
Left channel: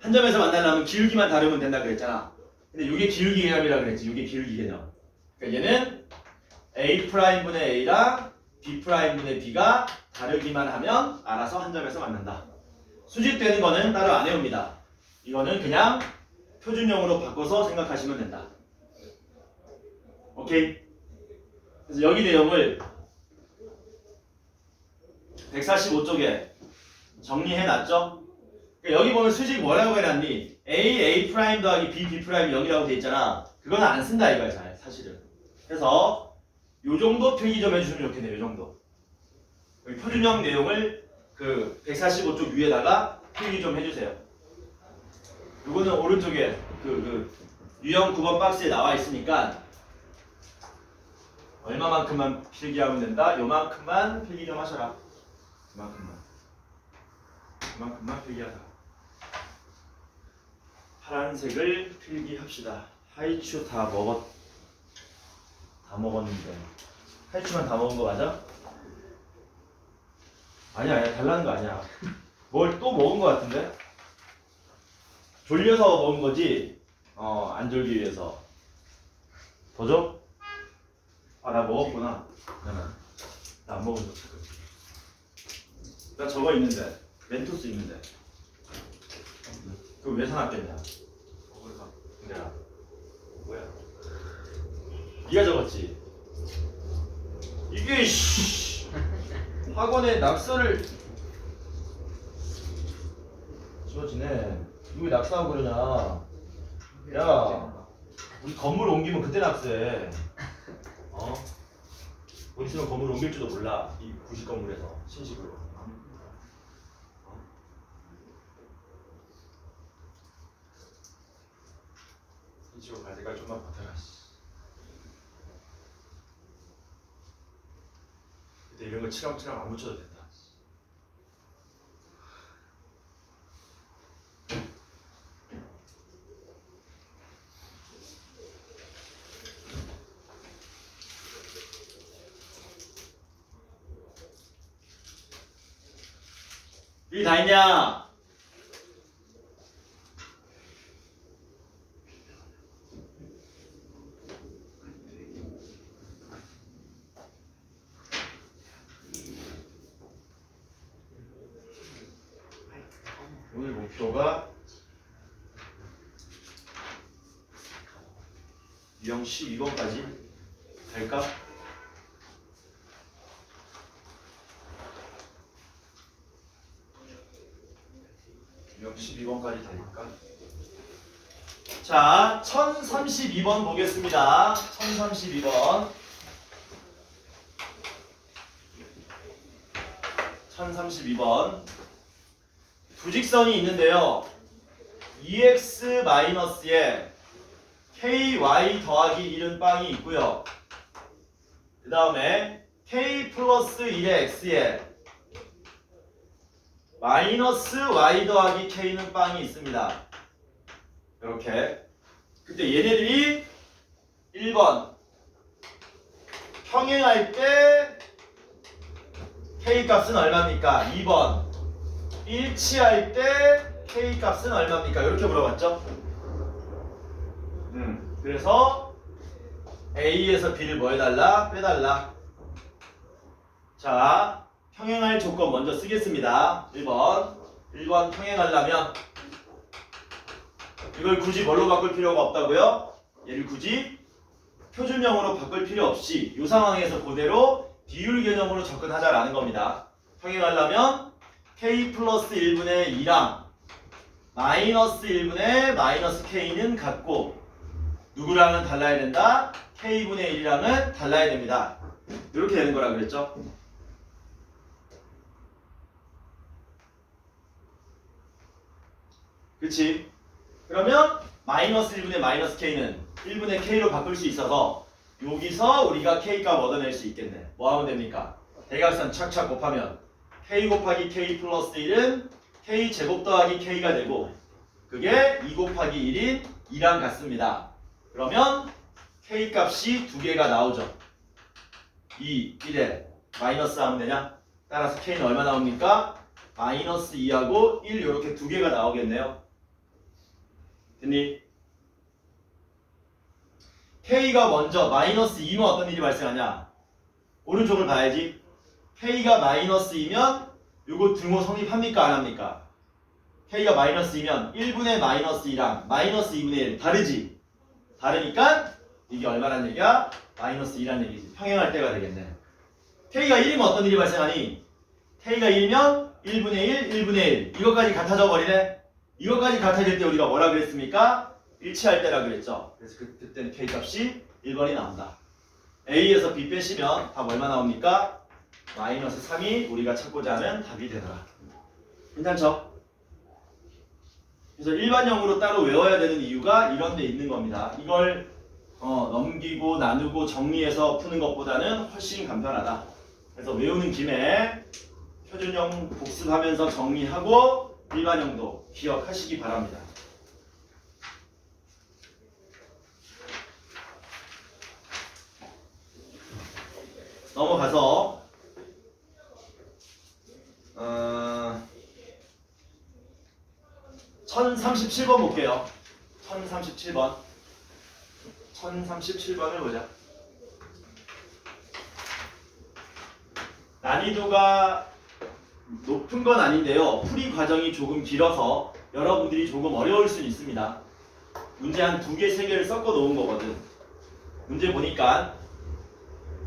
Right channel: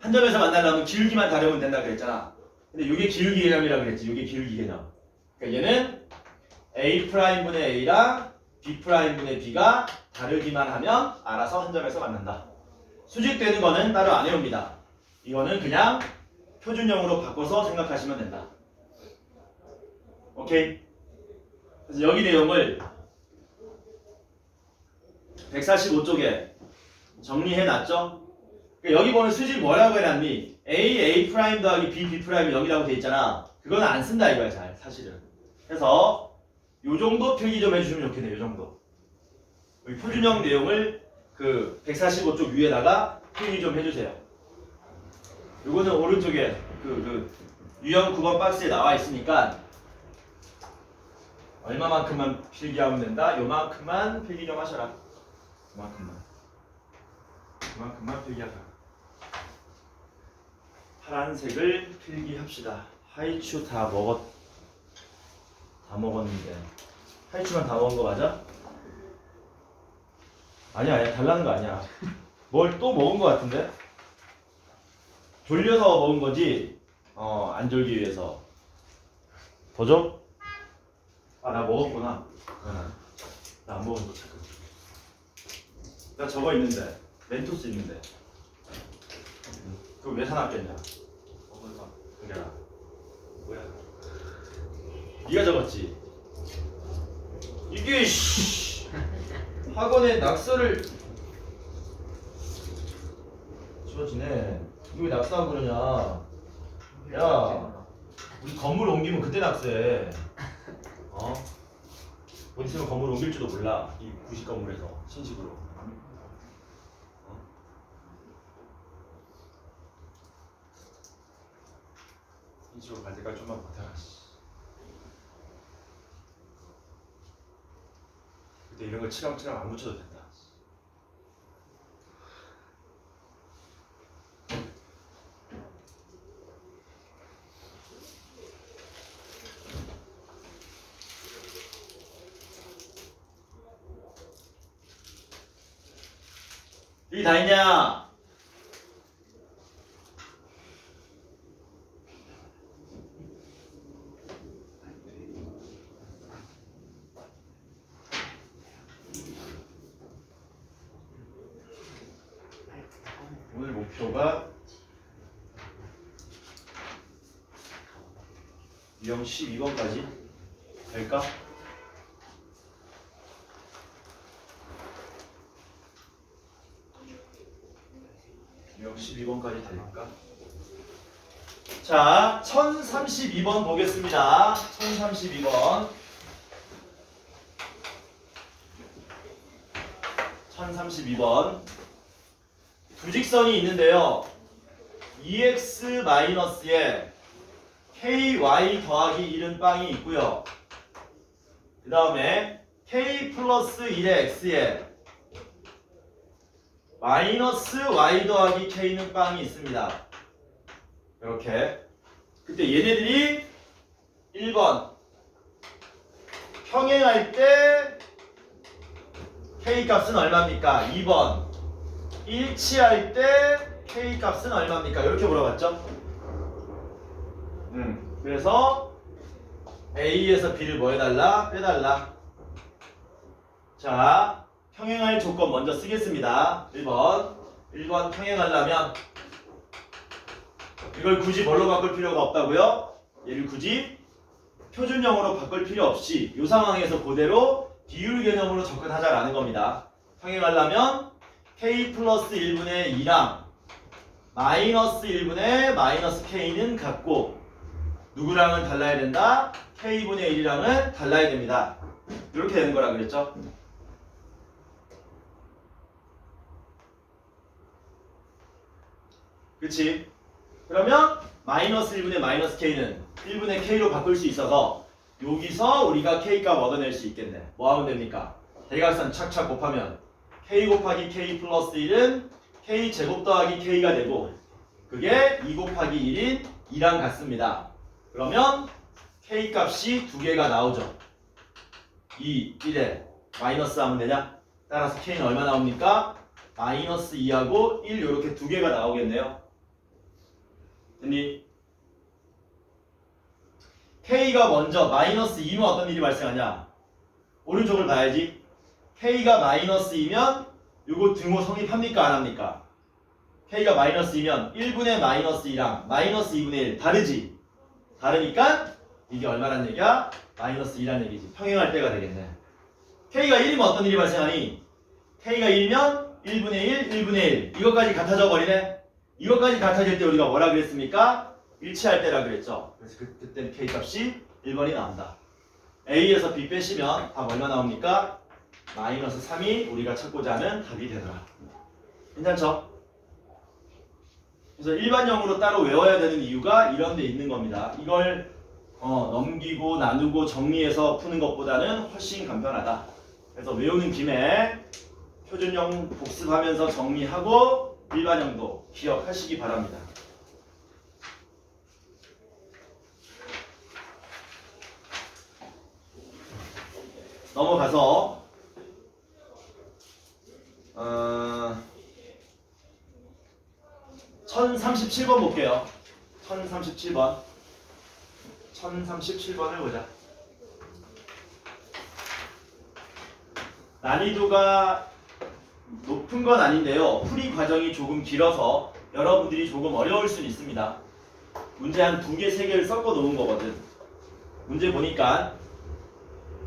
한 점에서 만나려면 기울기만 다르면 된다 그랬잖아. 근데 이게 기울기 개념이라고 그랬지. 이게 기울기 개념. 그러니까 얘는 A'분의 A랑 B'분의 B가 다르기만 하면 알아서 한 점에서 만난다. 수직되는 거는 따로 안 해옵니다. 이거는 그냥 표준형으로 바꿔서 생각하시면 된다. 오케이? 그래서 여기 내용을 145쪽에 정리해놨죠? 그러니까 여기 보면 수직 뭐라고 해놨니? A 더하기 B 여기라고 돼 있잖아. 그거는 안 쓴다 이거야 잘 사실은. 그래서 요 정도 필기 좀 해주시면 좋겠네요. 요 정도. 여기 표준형 내용을 그 145쪽 위에다가 필기 좀 해주세요. 요거는 오른쪽에 그 유형 9번 박스에 나와 있으니까 얼마만큼만 필기하면 된다? 요만큼만 필기 좀 하셔라. 요만큼만 필기하자. 파란색을 필기합시다. 하이츄 다 먹었는데 하이츄만 다 먹은 거 맞아? 아니야 달라는 거 아니야. 뭘 또 먹은 거 같은데? 졸려서 먹은 거지? 안 졸기 위해서. 더 줘? 아, 나 먹었구나. 나 안 먹은 거 잠깐. 나 저거 있는데. 멘토스 있는데. 그거 왜 사놨겠냐? 그래라. 뭐야? 네가 적었지? 이게 학원에 낙서를 지워지네. 이거 왜 낙서하고 그러냐? 야, 우리 건물 옮기면 그때 낙서해. 곧 있으면 건물 옮길지도 몰라. 이 구식 건물에서 신식으로. 이쪽으로 갈 때까지 좀만 버텨. 그때 이런 거 치렁치렁 안 묻혀도 된다. 이 다 있냐? 오늘 목표가 유형 12번까지 될까? 유형 12번까지 될까? 자, 1032번 보겠습니다. 1032번. 1032번. 두 직선이 있는데요. EX-에 KY 더하기 1은 빵이 있고요. 그 다음에 K 플러스 1의 X에 마이너스 Y 더하기 K는 빵이 있습니다. 이렇게. 그때 얘네들이 1번 평행할 때 K 값은 얼마입니까? 2번 일치할 때 K 값은 얼마입니까? 이렇게 물어봤죠? 그래서 A에서 B를 뭐 해달라? 빼달라. 자, 평행할 조건 먼저 쓰겠습니다. 1번 평행하려면 이걸 굳이 뭘로 바꿀 필요가 없다고요? 얘를 굳이 표준형으로 바꿀 필요 없이 이 상황에서 그대로 비율 개념으로 접근하자라는 겁니다. 평행하려면 K 플러스 1분의 2랑 마이너스 1분의 마이너스 K는 같고 누구랑은 달라야 된다? K분의 1이랑은 달라야 됩니다. 이렇게 되는 거라 그랬죠? 그치? 그러면 마이너스 1분의 마이너스 K는 1분의 K로 바꿀 수 있어서 여기서 우리가 K값 얻어낼 수 있겠네. 뭐 하면 됩니까? 대각선 착착 곱하면 K 곱하기 K 플러스 1은 K 제곱 더하기 K가 되고 그게 2 곱하기 1인 2랑 같습니다. 그러면 K 값이 두 개가 나오죠. 2, 1에 마이너스 하면 되냐? 따라서 K는 얼마 나옵니까? 마이너스 2하고 1 이렇게 두 개가 나오겠네요. 됐니? K가 먼저 마이너스 2면 어떤 일이 발생하냐? 오른쪽을 봐야지. K가 마이너스 2면 요거 등호 성립합니까? 안 합니까? K가 마이너스 2면 1분의 마이너스 2랑 마이너스 2분의 1 다르지? 다르니까 이게 얼마란 얘기야? 마이너스 2란 얘기지. 평행할 때가 되겠네. K가 1이면 어떤 일이 발생하니? K가 1이면 1분의 1, 1분의 1 이것까지 같아져 버리네. 이것까지 같아질 때 우리가 뭐라 그랬습니까? 일치할 때라 그랬죠. 그래서 그때는 K 값이 1번이 나온다. A에서 B 빼시면 답 얼마 나옵니까? 마이너스 3이 우리가 찾고자 하는 답이 되더라. 괜찮죠? 그래서 일반형으로 따로 외워야 되는 이유가 이런 데 있는 겁니다. 이걸 넘기고 나누고 정리해서 푸는 것보다는 훨씬 간편하다. 그래서 외우는 김에 표준형 복습하면서 정리하고 일반형도 기억하시기 바랍니다. 넘어가서 1037번 볼게요. 1037번을 보자. 난이도가 높은 건 아닌데요. 풀이 과정이 조금 길어서 여러분들이 조금 어려울 수는 있습니다. 문제 한 2개, 3개를 섞어 놓은 거거든. 문제 보니까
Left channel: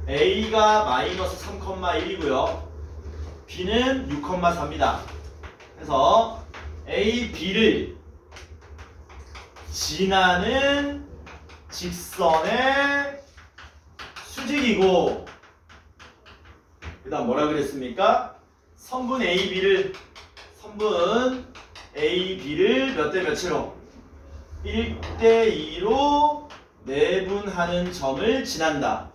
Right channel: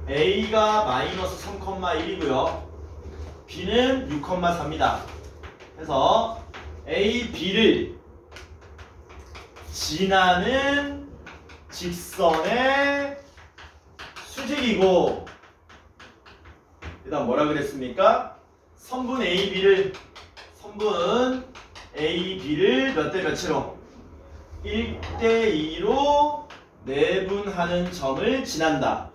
A가 마이너스 3,1이고요. B는 6,4입니다. 그래서 A, B를 지나는 직선의 수직이고 그 다음 뭐라 그랬습니까? 선분 A, B를 몇 대 몇으로? 1대2로 내분하는 점을 지난다.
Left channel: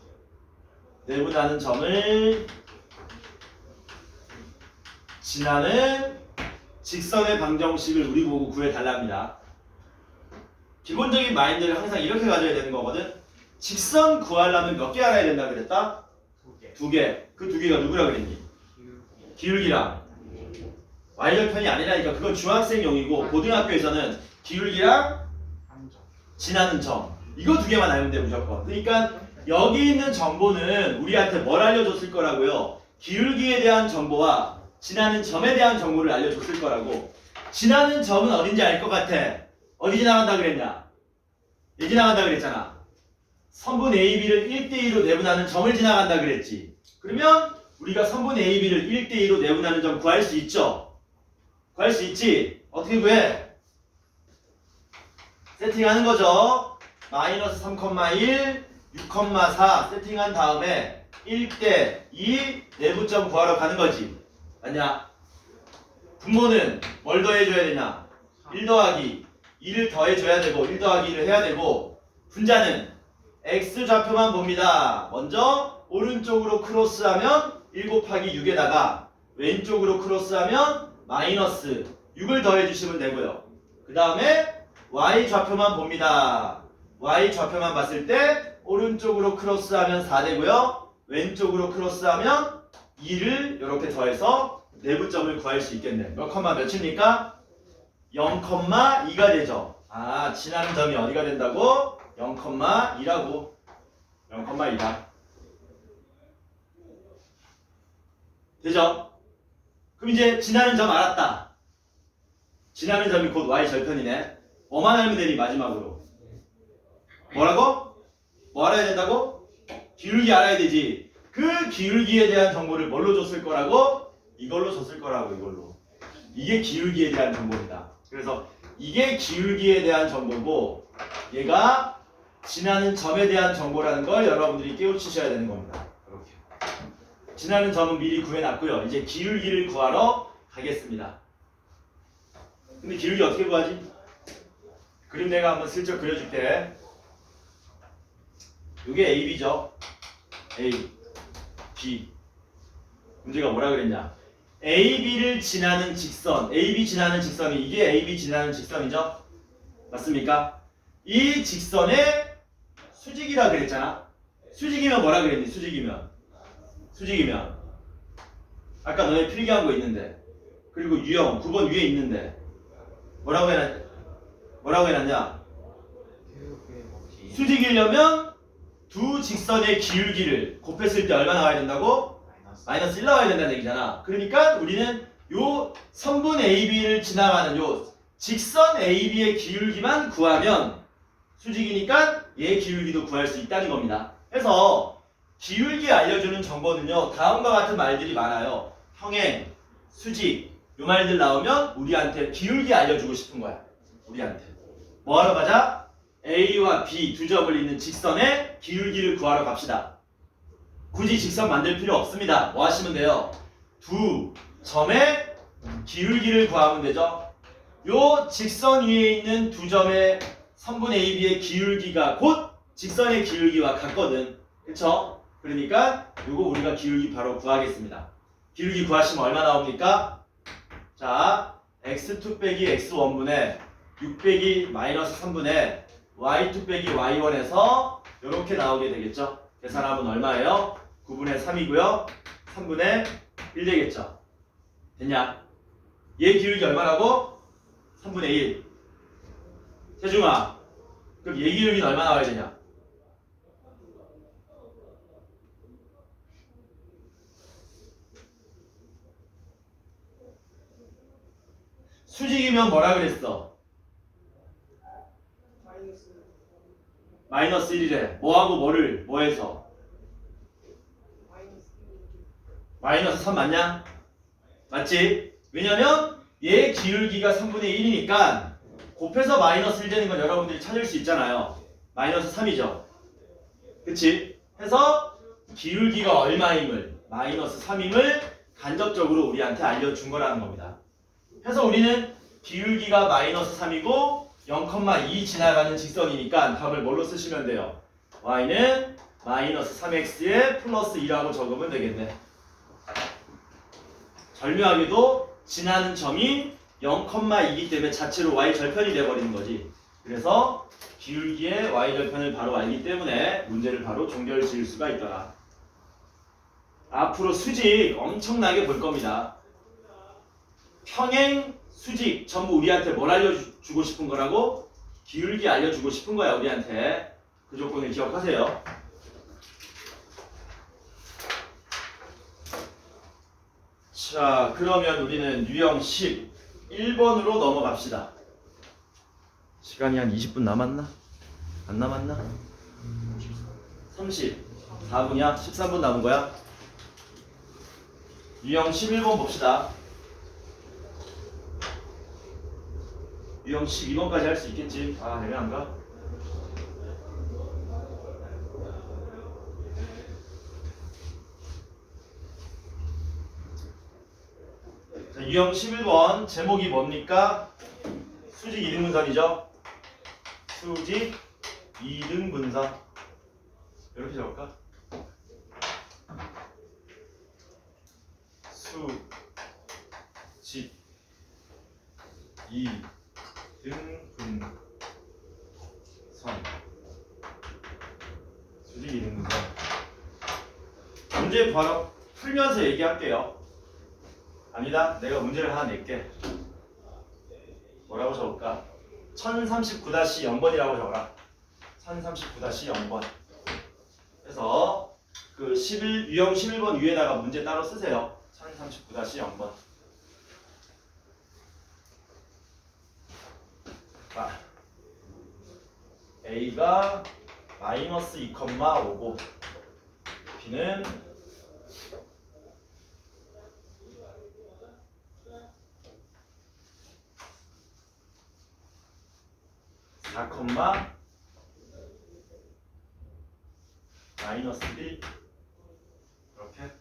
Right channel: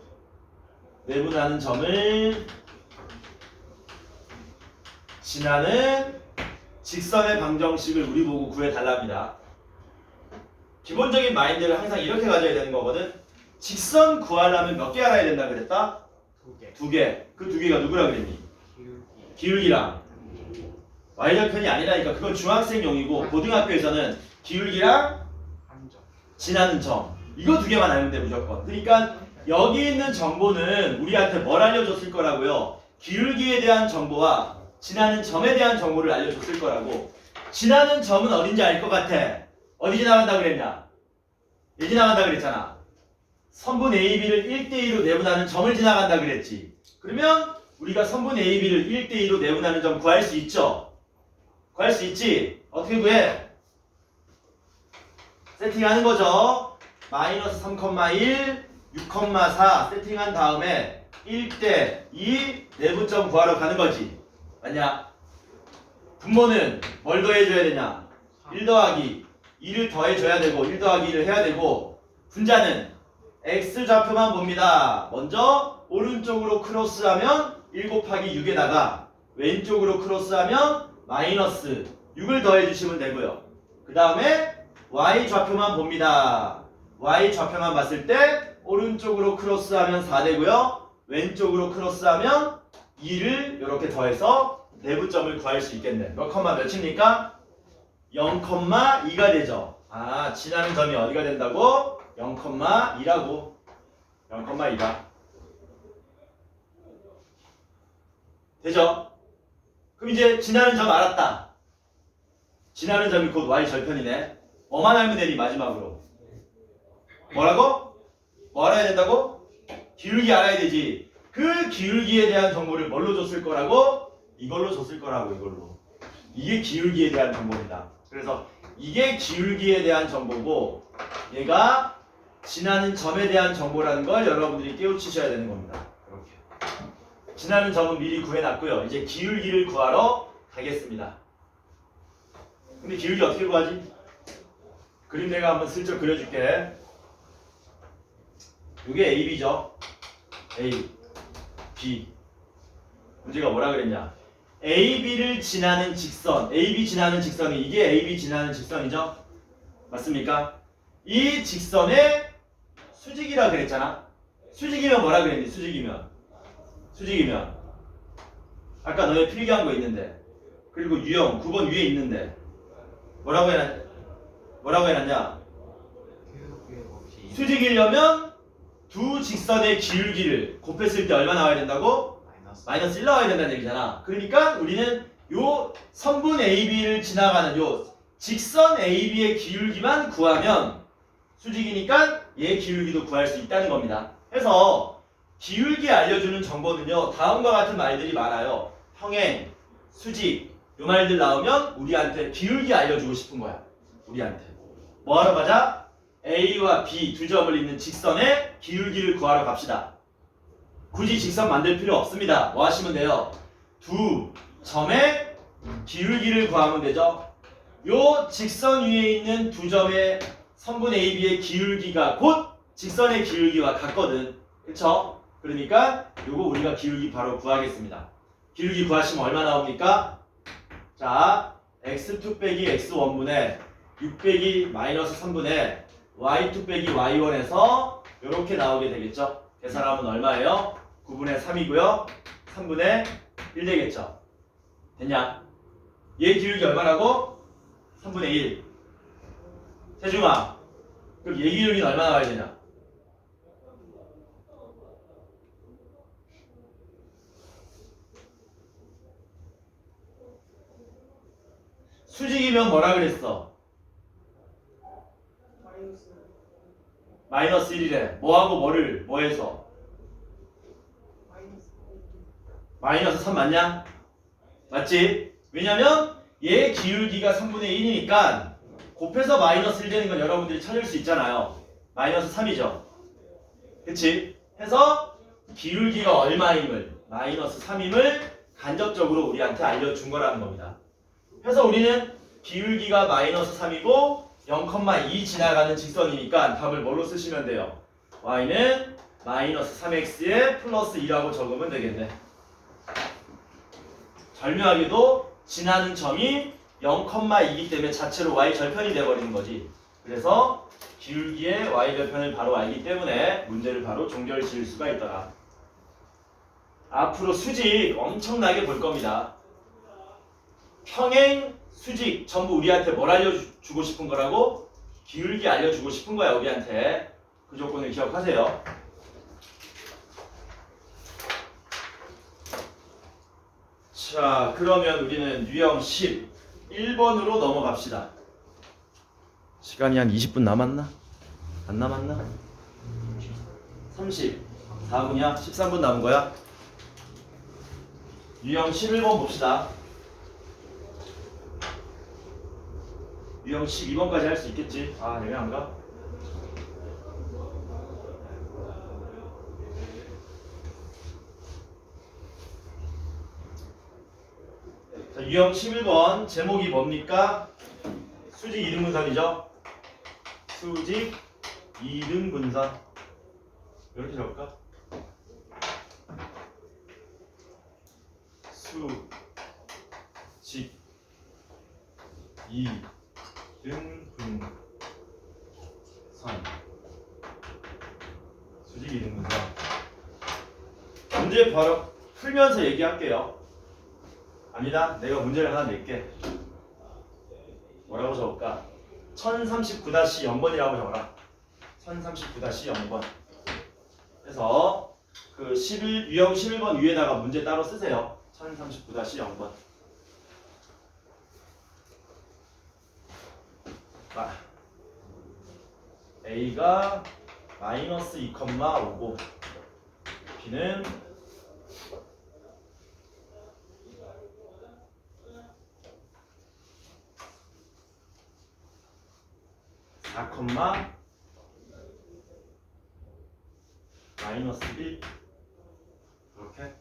내분하는 점을 지나는 직선의 방정식을 우리 보고 구해달랍니다. 기본적인 마인드를 항상 이렇게 가져야 되는 거거든. 직선 구하려면 몇 개 알아야 된다 그랬다? 두 개. 그 두 개가 누구라 그랬니? 기울기랑 y절편이 아니라니까. 그건 중학생용이고 고등학교에서는 기울기랑 지나는 점, 이거 두 개만 알면 돼 무조건. 그러니까 여기 있는 정보는 우리한테 뭘 알려줬을 거라고요? 기울기에 대한 정보와 지나는 점에 대한 정보를 알려줬을 거라고. 지나는 점은 어딘지 알 것 같아. 어디 지나간다 그랬냐? 얘 지나간다 그랬잖아. 선분 AB를 1대2로 내분하는 점을 지나간다 그랬지. 그러면 우리가 선분 AB를 1대2로 내분하는 점 구할 수 있죠? 구할 수 있지? 어떻게 구해? 세팅하는 거죠. 마이너스 3,1, 6,4 세팅한 다음에 1대2 내분점 구하러 가는 거지. 맞냐? 분모는 뭘 더해줘야 되냐? 1 더하기 2를 더해줘야 되고 1 더하기 2를 해야 되고, 분자는 x좌표만 봅니다. 먼저 오른쪽으로 크로스하면 1 곱하기 6에다가 왼쪽으로 크로스하면 마이너스 6을 더해주시면 되고요. 그 다음에 y좌표만 봅니다. y좌표만 봤을 때 오른쪽으로 크로스하면 4 되고요. 왼쪽으로 크로스하면 2를 이렇게 더해서 내분점을 구할 수 있겠네. 몇 컴마 몇입니까? 0,2가 되죠. 아, 지나는 점이 어디가 된다고? 0,2라고. 0,2다. 되죠? 그럼 이제 지나는 점 알았다. 지나는 점이 곧 y절편이네. 뭐만 알면 되니 마지막으로? 뭐라고? 뭐 알아야 된다고? 기울기 알아야 되지. 그 기울기에 대한 정보를 뭘로 줬을 거라고? 이걸로 줬을 거라고. 이걸로. 이게 기울기에 대한 정보입니다. 그래서 이게 기울기에 대한 정보고 얘가 지나는 점에 대한 정보라는 걸 여러분들이 깨우치셔야 되는 겁니다. 이렇게. 지나는 점은 미리 구해놨고요. 이제 기울기를 구하러 가겠습니다. 근데 기울기 어떻게 구하지? 그림 내가 한번 슬쩍 그려줄게. 이게 AB죠. A, B. 문제가 뭐라 그랬냐? AB를 지나는 직선, AB 지나는 직선이 이게 AB 지나는 직선이죠? 맞습니까? 이 직선의 수직이라 그랬잖아. 수직이면 뭐라 그랬니? 수직이면 아까 너네 필기한 거 있는데, 그리고 유형 9번 위에 있는데 뭐라고 해놨냐? 수직이려면 두 직선의 기울기를 곱했을 때 얼마 나와야 된다고? 마이너스 1 나와야 된다는 얘기잖아. 그러니까 우리는 요 선분 AB를 지나가는 요 직선 AB의 기울기만 구하면 수직이니까 얘 기울기도 구할 수 있다는 겁니다. 그래서 기울기 알려주는 정보는요, 다음과 같은 말들이 많아요. 평행, 수직, 요 말들 나오면 우리한테 기울기 알려주고 싶은 거야. 우리한테 뭐 하러 가자? A와 B 두 점을 잇는 직선의 기울기를 구하러 갑시다. 굳이 직선 만들 필요 없습니다. 뭐 하시면 돼요? 두 점의 기울기를 구하면 되죠. 요 직선 위에 있는 두 점의 선분 AB의 기울기가 곧 직선의 기울기와 같거든. 그쵸? 그러니까 요거 우리가 기울기 바로 구하겠습니다. 기울기 구하시면 얼마 나옵니까? 자, x2 빼기 x1분의 6 빼기 마이너스 3분의 y2 빼기 y1에서 이렇게 나오게 되겠죠. 계산하면 얼마예요? 9분의 3이고요. 3분의 1 되겠죠. 됐냐? 얘 기울기 얼마라고? 3분의 1. 세중아, 그럼 얘 기울기는 얼마 나와야 되냐? 수직이면 뭐라 그랬어? 마이너스 1이래. 뭐하고 뭐를 뭐 해서? 마이너스 3 맞냐? 맞지? 왜냐면 얘 기울기가 3분의 1이니까 곱해서 마이너스 1 되는 건 여러분들이 찾을 수 있잖아요. 마이너스 3이죠. 그치? 해서 기울기가 얼마임을, 마이너스 3임을 간접적으로 우리한테 알려준 거라는 겁니다. 해서 우리는 기울기가 마이너스 3이고 0,2 지나가는 직선이니까 답을 뭘로 쓰시면 돼요? y는 마이너스 3x에 플러스 2라고 적으면 되겠네. 절묘하게도 지나는 점이 0,2이기 때문에 자체로 y 절편이 돼버리는 거지. 그래서 기울기의 y 절편을 바로 알기 때문에 문제를 바로 종결 지을 수가 있더라. 앞으로 수직 엄청나게 볼 겁니다. 평행, 수직 전부 우리한테 뭘 알려주고 싶은 거라고? 기울기 알려주고 싶은 거야 우리한테. 그 조건을 기억하세요. 자, 그러면 우리는 유형 11번으로 넘어갑시다. 시간이 한 20분 남았나? 안 남았나? 34분이야? 13분 남은 거야? 유형 11번 봅시다. 유형 12번까지 할 수 있겠지? 아, 애매한가? 자, 유형 11번 제목이 뭡니까? 수직 이등분선이죠? 수직 이등분선. 이렇게 적을까? 수직 이등분선. 수직 이등분선. 문제 바로 풀면서 얘기할게요. 아니다. 내가 문제를 하나 낼게. 뭐라고 적을까? 1039-0번이라고 적어라. 1039-0번. 그래서 그 유형 11번 위에다가 문제 따로 쓰세요. 1039-0번. 아, A가 마이너스 2,5고 B는 4, 마이너스 1 이렇게 하자.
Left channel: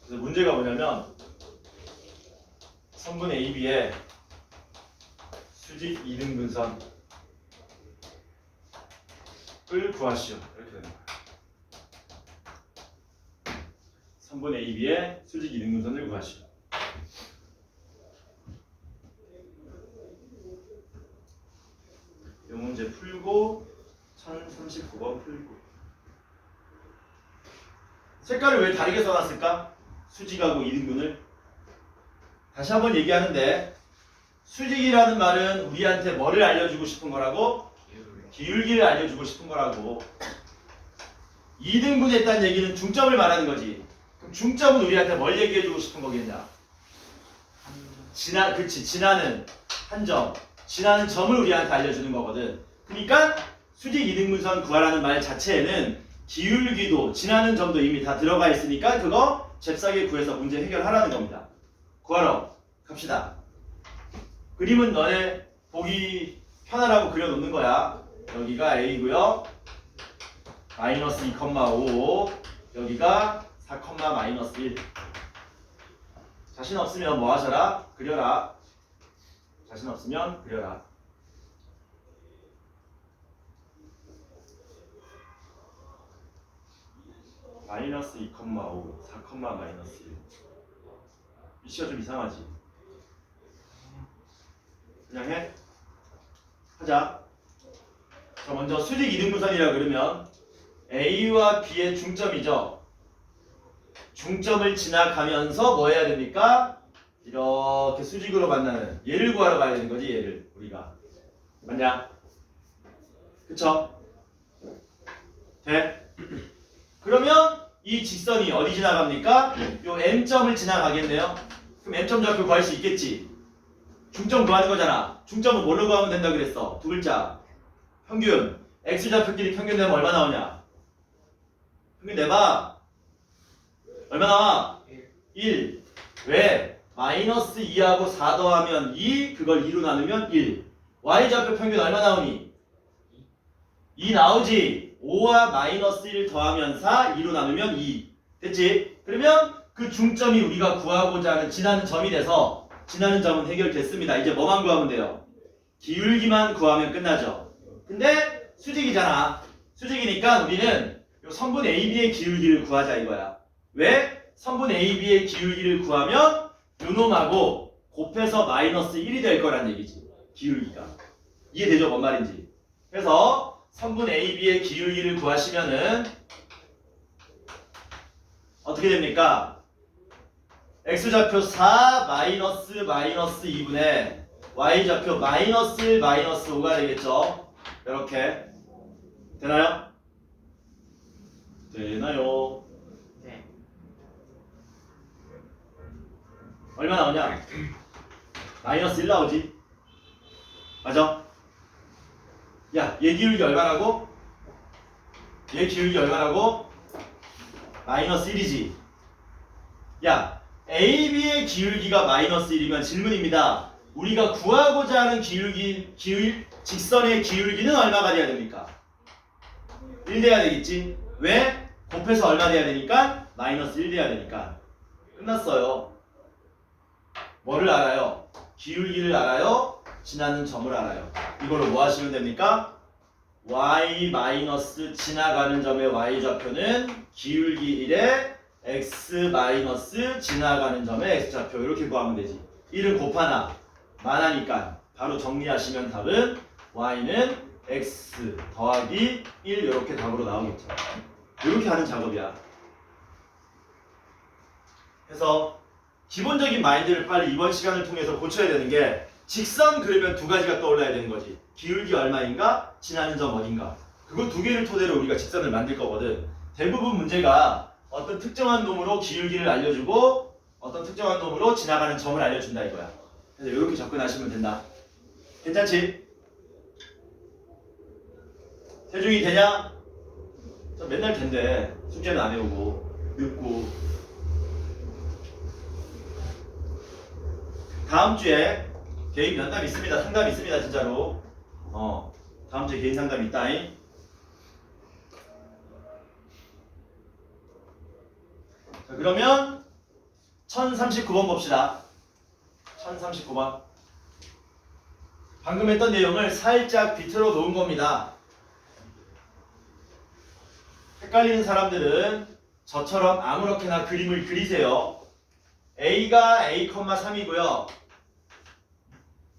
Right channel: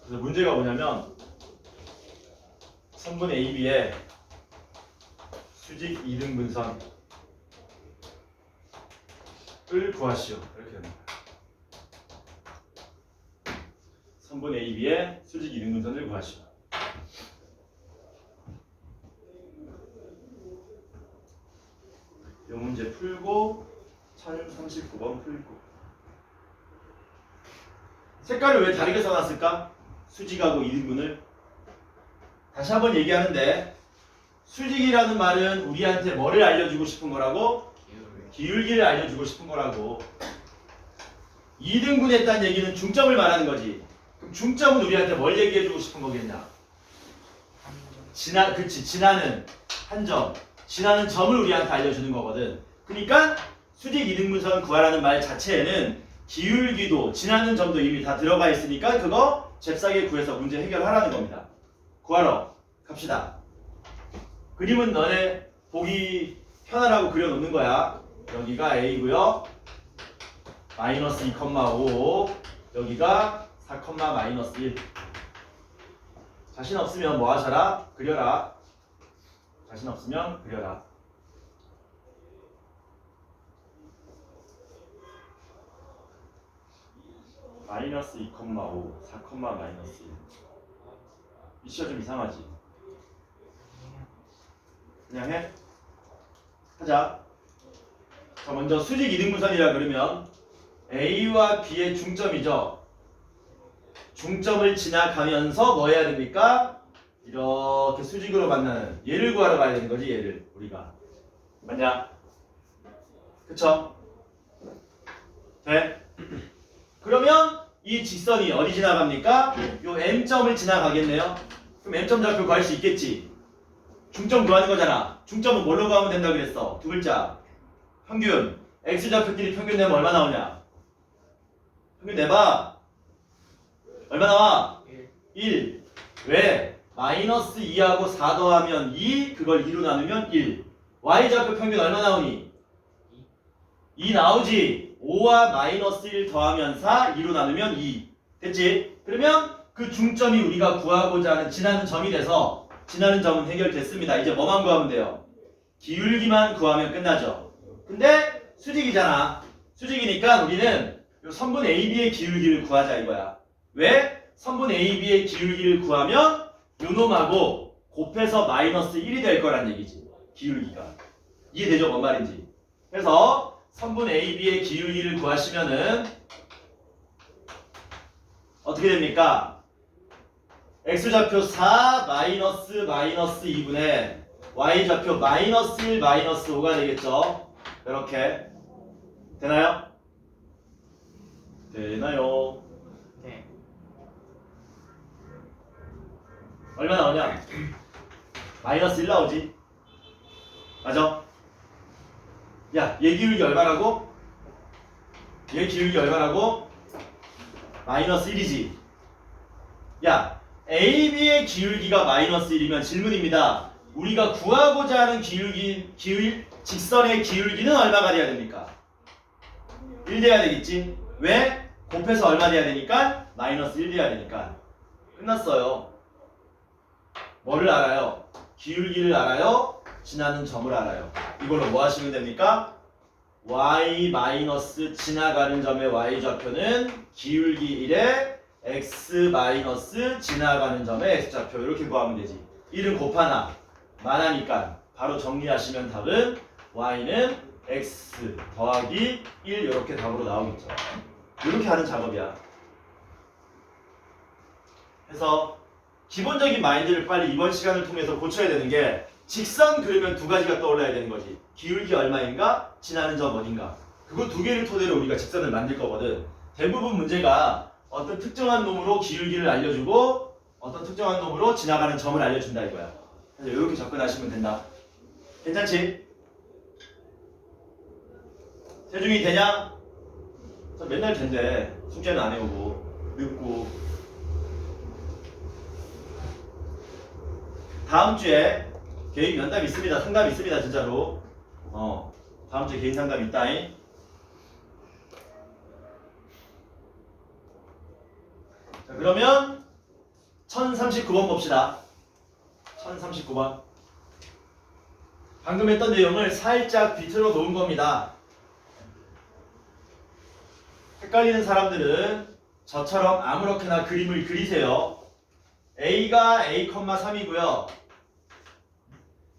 그래서 문제가 뭐냐면 선분 AB의 수직 이등분선을 구하시오. 이렇게 되는 거야. 선분 AB의 수직 이등분선을 구하시오. 이 문제 풀고 1039번 풀고. 색깔을 왜 다르게 써놨을까? 수직하고 이등분을. 다시 한번 얘기하는데 수직이라는 말은 우리한테 뭐를 알려주고 싶은 거라고? 기울기를 알려주고 싶은 거라고. 이등분했다는 얘기는 중점을 말하는 거지. 그럼 중점은 우리한테 뭘 얘기해주고 싶은 거겠냐? 지나는 한 점. 지나는 점을 우리한테 알려주는 거거든. 그러니까 수직 이등분선 구하라는 말 자체에는 기울기도 지나는 점도 이미 다 들어가 있으니까 그거 잽싸게 구해서 문제 해결하라는 겁니다. 구하러 갑시다. 그림은 너네 보기 편하라고 그려놓는 거야. 여기가 A고요. 마이너스 2,5 여기가 4, 마이너스 1. 자신 없으면 뭐 하셔라? 그려라. 자신 없으면 그려라. 마이너스 2,5 4, 마이너스 1. 위치가 좀 이상하지? 그냥 해? 하자. 자, 먼저 수직 이등분선이라 그러면 A와 B의 중점이죠. 중점을 지나가면서 뭐 해야 됩니까? 이렇게 수직으로 만나는 얘를 구하러 가야 되는 거지. 얘를 우리가 맞냐? 그쵸? 돼? 그러면 이 직선이 어디 지나갑니까? 요 M점을 지나가겠네요. 그럼 M점 좌표 구할 수 있겠지? 중점 구하는 거잖아. 중점은 뭘로 구하면 된다 그랬어? 두 글자. 평균. X좌표끼리 평균 내면 얼마 나오냐? 평균 내봐. 얼마 나와? 1. 왜? 마이너스 2하고 4 더하면 2, 그걸 2로 나누면 1. Y좌표 평균 얼마 나오니? 2 나오지? 5와 마이너스 1 더하면 4, 2로 나누면 2. 됐지? 그러면 그 그 중점이 우리가 구하고자 하는 지나는 점이 돼서 지나는 점은 해결됐습니다. 이제 뭐만 구하면 돼요? 기울기만 구하면 끝나죠. 근데 수직이잖아. 수직이니까 우리는 요 선분 AB의 기울기를 구하자 이거야. 왜? 선분 AB의 기울기를 구하면 요놈하고 곱해서 마이너스 1이 될 거란 얘기지. 기울기가. 이해되죠? 뭔 말인지. 그래서 선분 AB의 기울기를 구하시면은 어떻게 됩니까? x좌표 4 마이너스 2분의 y좌표 마이너스 1 마이너스 5가 되겠죠? 이렇게 되나요? 되나요? 네. 얼마 나오냐? 마이너스 1 나오지? 맞아? 야, 얘 기울기 얼마라고? 얘 기울기 얼마라고? 마이너스 1이지? 야, AB의 기울기가 마이너스 1이면 질문입니다. 우리가 구하고자 하는 직선의 기울기는 얼마가 돼야 됩니까? 1 돼야 되겠지? 왜? 곱해서 얼마 돼야 되니까? 마이너스 1 돼야 되니까. 끝났어요. 뭐를 알아요? 기울기를 알아요? 지나는 점을 알아요. 이걸로 뭐 하시면 됩니까? y 마이너스 지나가는 점의 y좌표는 기울기 1에 x 마이너스 지나가는 점의 x좌표 이렇게 구하면 되지. 1은 곱하나 만하니까 바로 정리하시면 답은 y는 x 더하기 1 이렇게 답으로 나오겠죠. 이렇게 하는 작업이야. 그래서 기본적인 마인드를 빨리 이번 시간을 통해서 고쳐야 되는 게 직선 그리면 두 가지가 떠올라야 되는 거지. 기울기 얼마인가? 지나는 점 어딘가. 그거 두 개를 토대로 우리가 직선을 만들 거거든. 대부분 문제가 어떤 특정한 놈으로 기울기를 알려주고 어떤 특정한 놈으로 지나가는 점을 알려준다 이거야. 그래서 이렇게 접근하시면 된다. 괜찮지? 세중이 되냐? 맨날 된대. 숙제는 안 해오고 늦고. 다음 주에 개인 면담 있습니다. 상담 있습니다. 진짜로. 다음 주에 개인 상담 있다잉. 자, 그러면 1039번 봅시다. 1039번. 방금 했던 내용을 살짝 비틀어 놓은 겁니다. 헷갈리는 사람들은 저처럼 아무렇게나 그림을 그리세요. A가 A,3이고요.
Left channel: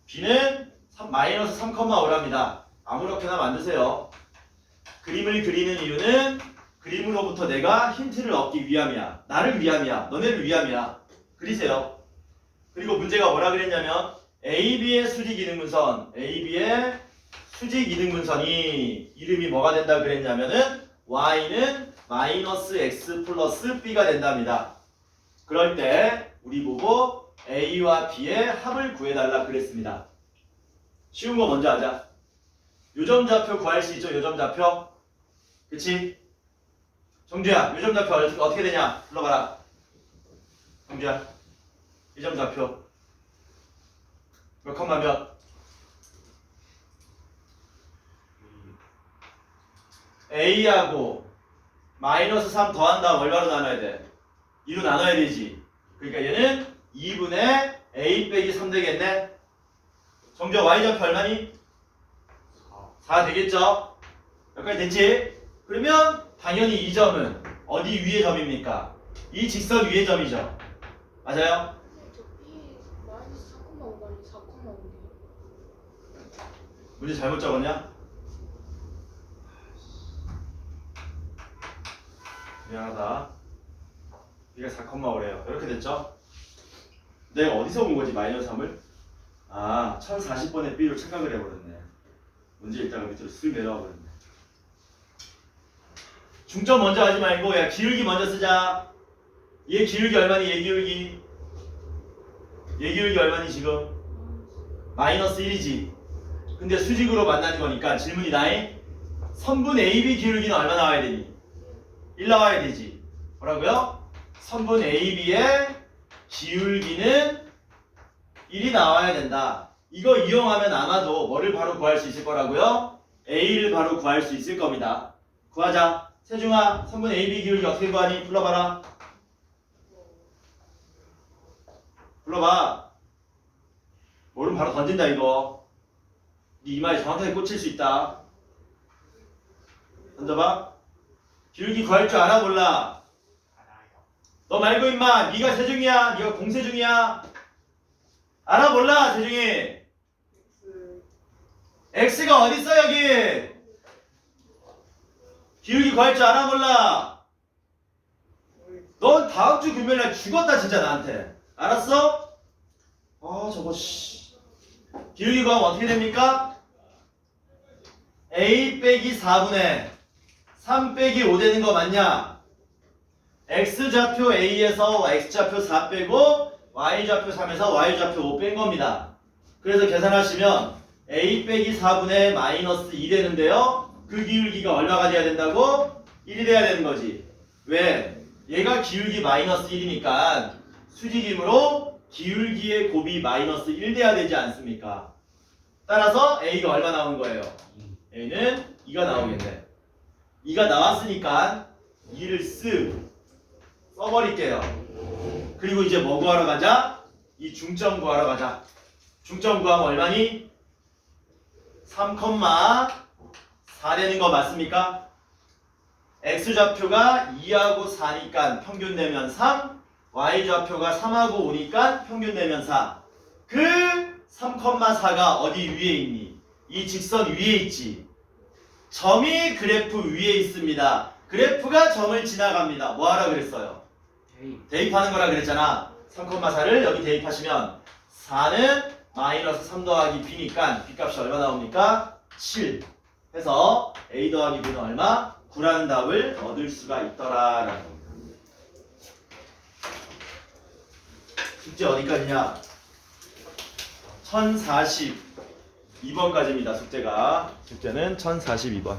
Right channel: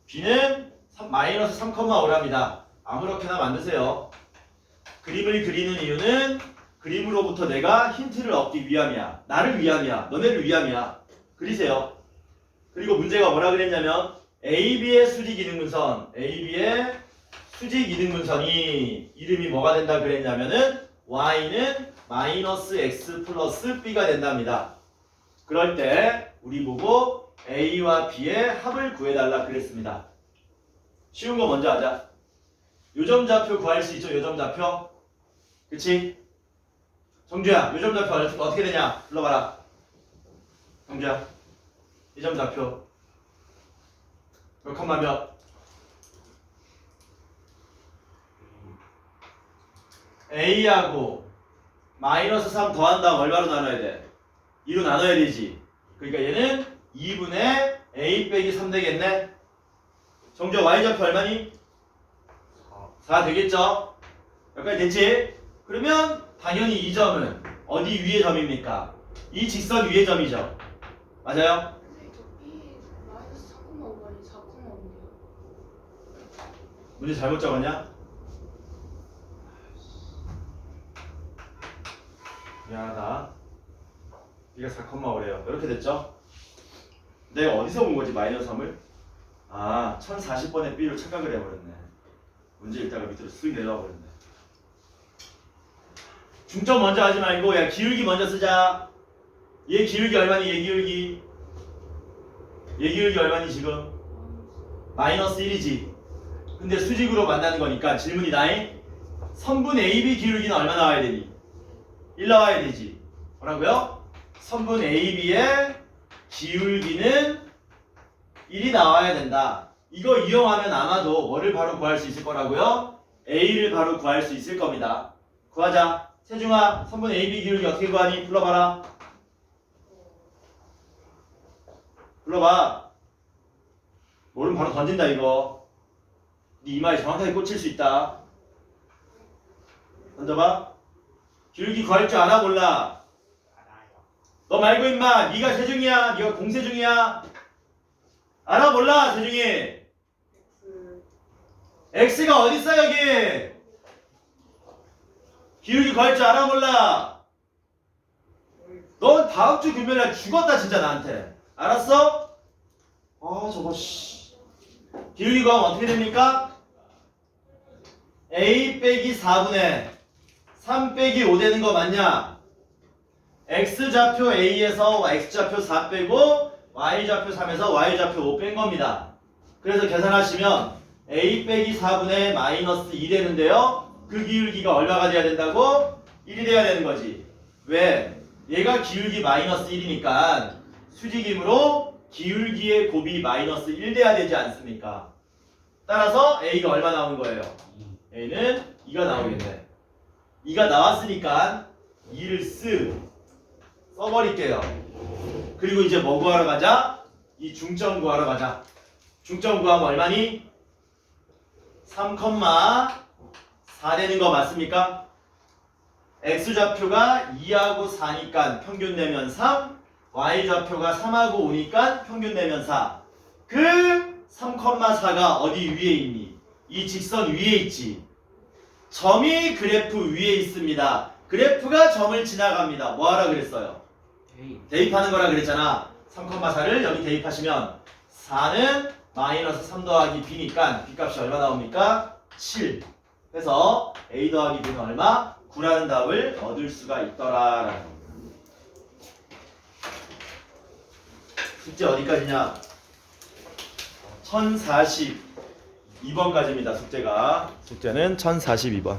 B는 마이너스 3,5랍니다. 아무렇게나 만드세요. 그림을 그리는 이유는 그림으로부터 내가 힌트를 얻기 위함이야. 나를 위함이야. 너네를 위함이야. 그리세요. 그리고 문제가 뭐라 그랬냐면 AB의 수직 이등분선, AB의 수직 이등분선이 이름이 뭐가 된다 그랬냐면은 Y는 마이너스 X 플러스 B가 된답니다. 그럴 때 우리 보고 A와 B의 합을 구해달라 그랬습니다. 쉬운 거 먼저 하자. 요점좌표 구할 수 있죠? 요점좌표. 그치? 정주야, 요점좌표 어떻게 되냐? 불러봐라. 정주야, 요점좌표 몇 컴마 몇? A하고 마이너스 3 더한 다음 얼마로 나눠야 돼? 2로 나눠야 되지. 그러니까 얘는 2분의 A 빼기 3 되겠네. 정주 Y좌표 얼마니? 4 되겠죠? 여기까지 됐지? 그러면 당연히 이 점은 어디 위의 점입니까? 이 직선 위의 점이죠. 맞아요? 네, 저 B 마이너스 4,5번이 4,5인데요. 문제 잘못 적었냐? 미안하다. B가 4,5래요. 이렇게 됐죠? 내가 어디서 본 거지 마이너스 3을? 아, 1040번의 B로 착각을 해버렸네. 문제 읽다가 밑으로 쓱 내려와 버렸네. 중점 먼저 하지 말고 야 기울기 먼저 쓰자. 얘 기울기 얼마니? 얘 기울기 얼마니 지금? 마이너스 1이지. 근데 수직으로 만나는 거니까 질문이 나이 선분 AB 기울기는 얼마 나와야 되니? 1 나와야 되지. 뭐라고요? 선분 AB의 기울기는 1이 나와야 된다. 이거 이용하면 아마도 뭐를 바로 구할 수 있을 거라고요? A를 바로 구할 수 있을 겁니다. 구하자. 세중아, 선분 AB 기울기 어떻게 구하니? 불러봐라. 불러봐. 모르면 바로 던진다 이거. 네 이마에 정확하게 꽂힐 수 있다. 던져봐. 기울기 구할 줄 알아 몰라? 너 말고 임마 네가 세중이야. 네가 공세중이야. 알아 몰라 세중이? x가 어딨어 여기? 기울기 구할 줄 알아 몰라? 넌 다음 주 금요일날 죽었다 진짜 나한테. 알았어? 저거 씨. 기울기 구하면 어떻게 됩니까? a 빼기 4분의 3 빼기 5 되는 거 맞냐? x좌표 a에서 x좌표 4 빼고 y좌표 3에서 y좌표 5 뺀 겁니다. 그래서 계산하시면 a 빼기 4분의 마이너스 2 되는데요. 그 기울기가 얼마가 돼야 된다고? 1이 돼야 되는 거지. 왜? 얘가 기울기 마이너스 1이니까 수직이므로 기울기의 곱이 마이너스 1 돼야 되지 않습니까? 따라서 a가 얼마 나오는 거예요? a는 2가 나오겠네. 2가 나왔으니까 2를 써버릴게요. 그리고 이제 뭐 구하러 가자? 이 중점 구하러 가자. 중점 구하면 얼마니? 3,4 되는 거 맞습니까? x좌표가 2하고 4니까 평균 내면 3, y좌표가 3하고 5니까 평균 내면 4. 그 3,4가 어디 위에 있니? 이 직선 위에 있지. 점이 그래프 위에 있습니다. 그래프가 점을 지나갑니다. 뭐 하라 그랬어요? 대입하는 거라 그랬잖아. 3,4를 여기 대입하시면 4는 마이너스 3 더하기 b니까 b값이 얼마 나옵니까? 7. 해서 a 더하기 b는 얼마? 9라는 답을 얻을 수가 있더라라는 겁니다. 숙제 어디까지냐? 1042번까지입니다. 숙제는 1042번.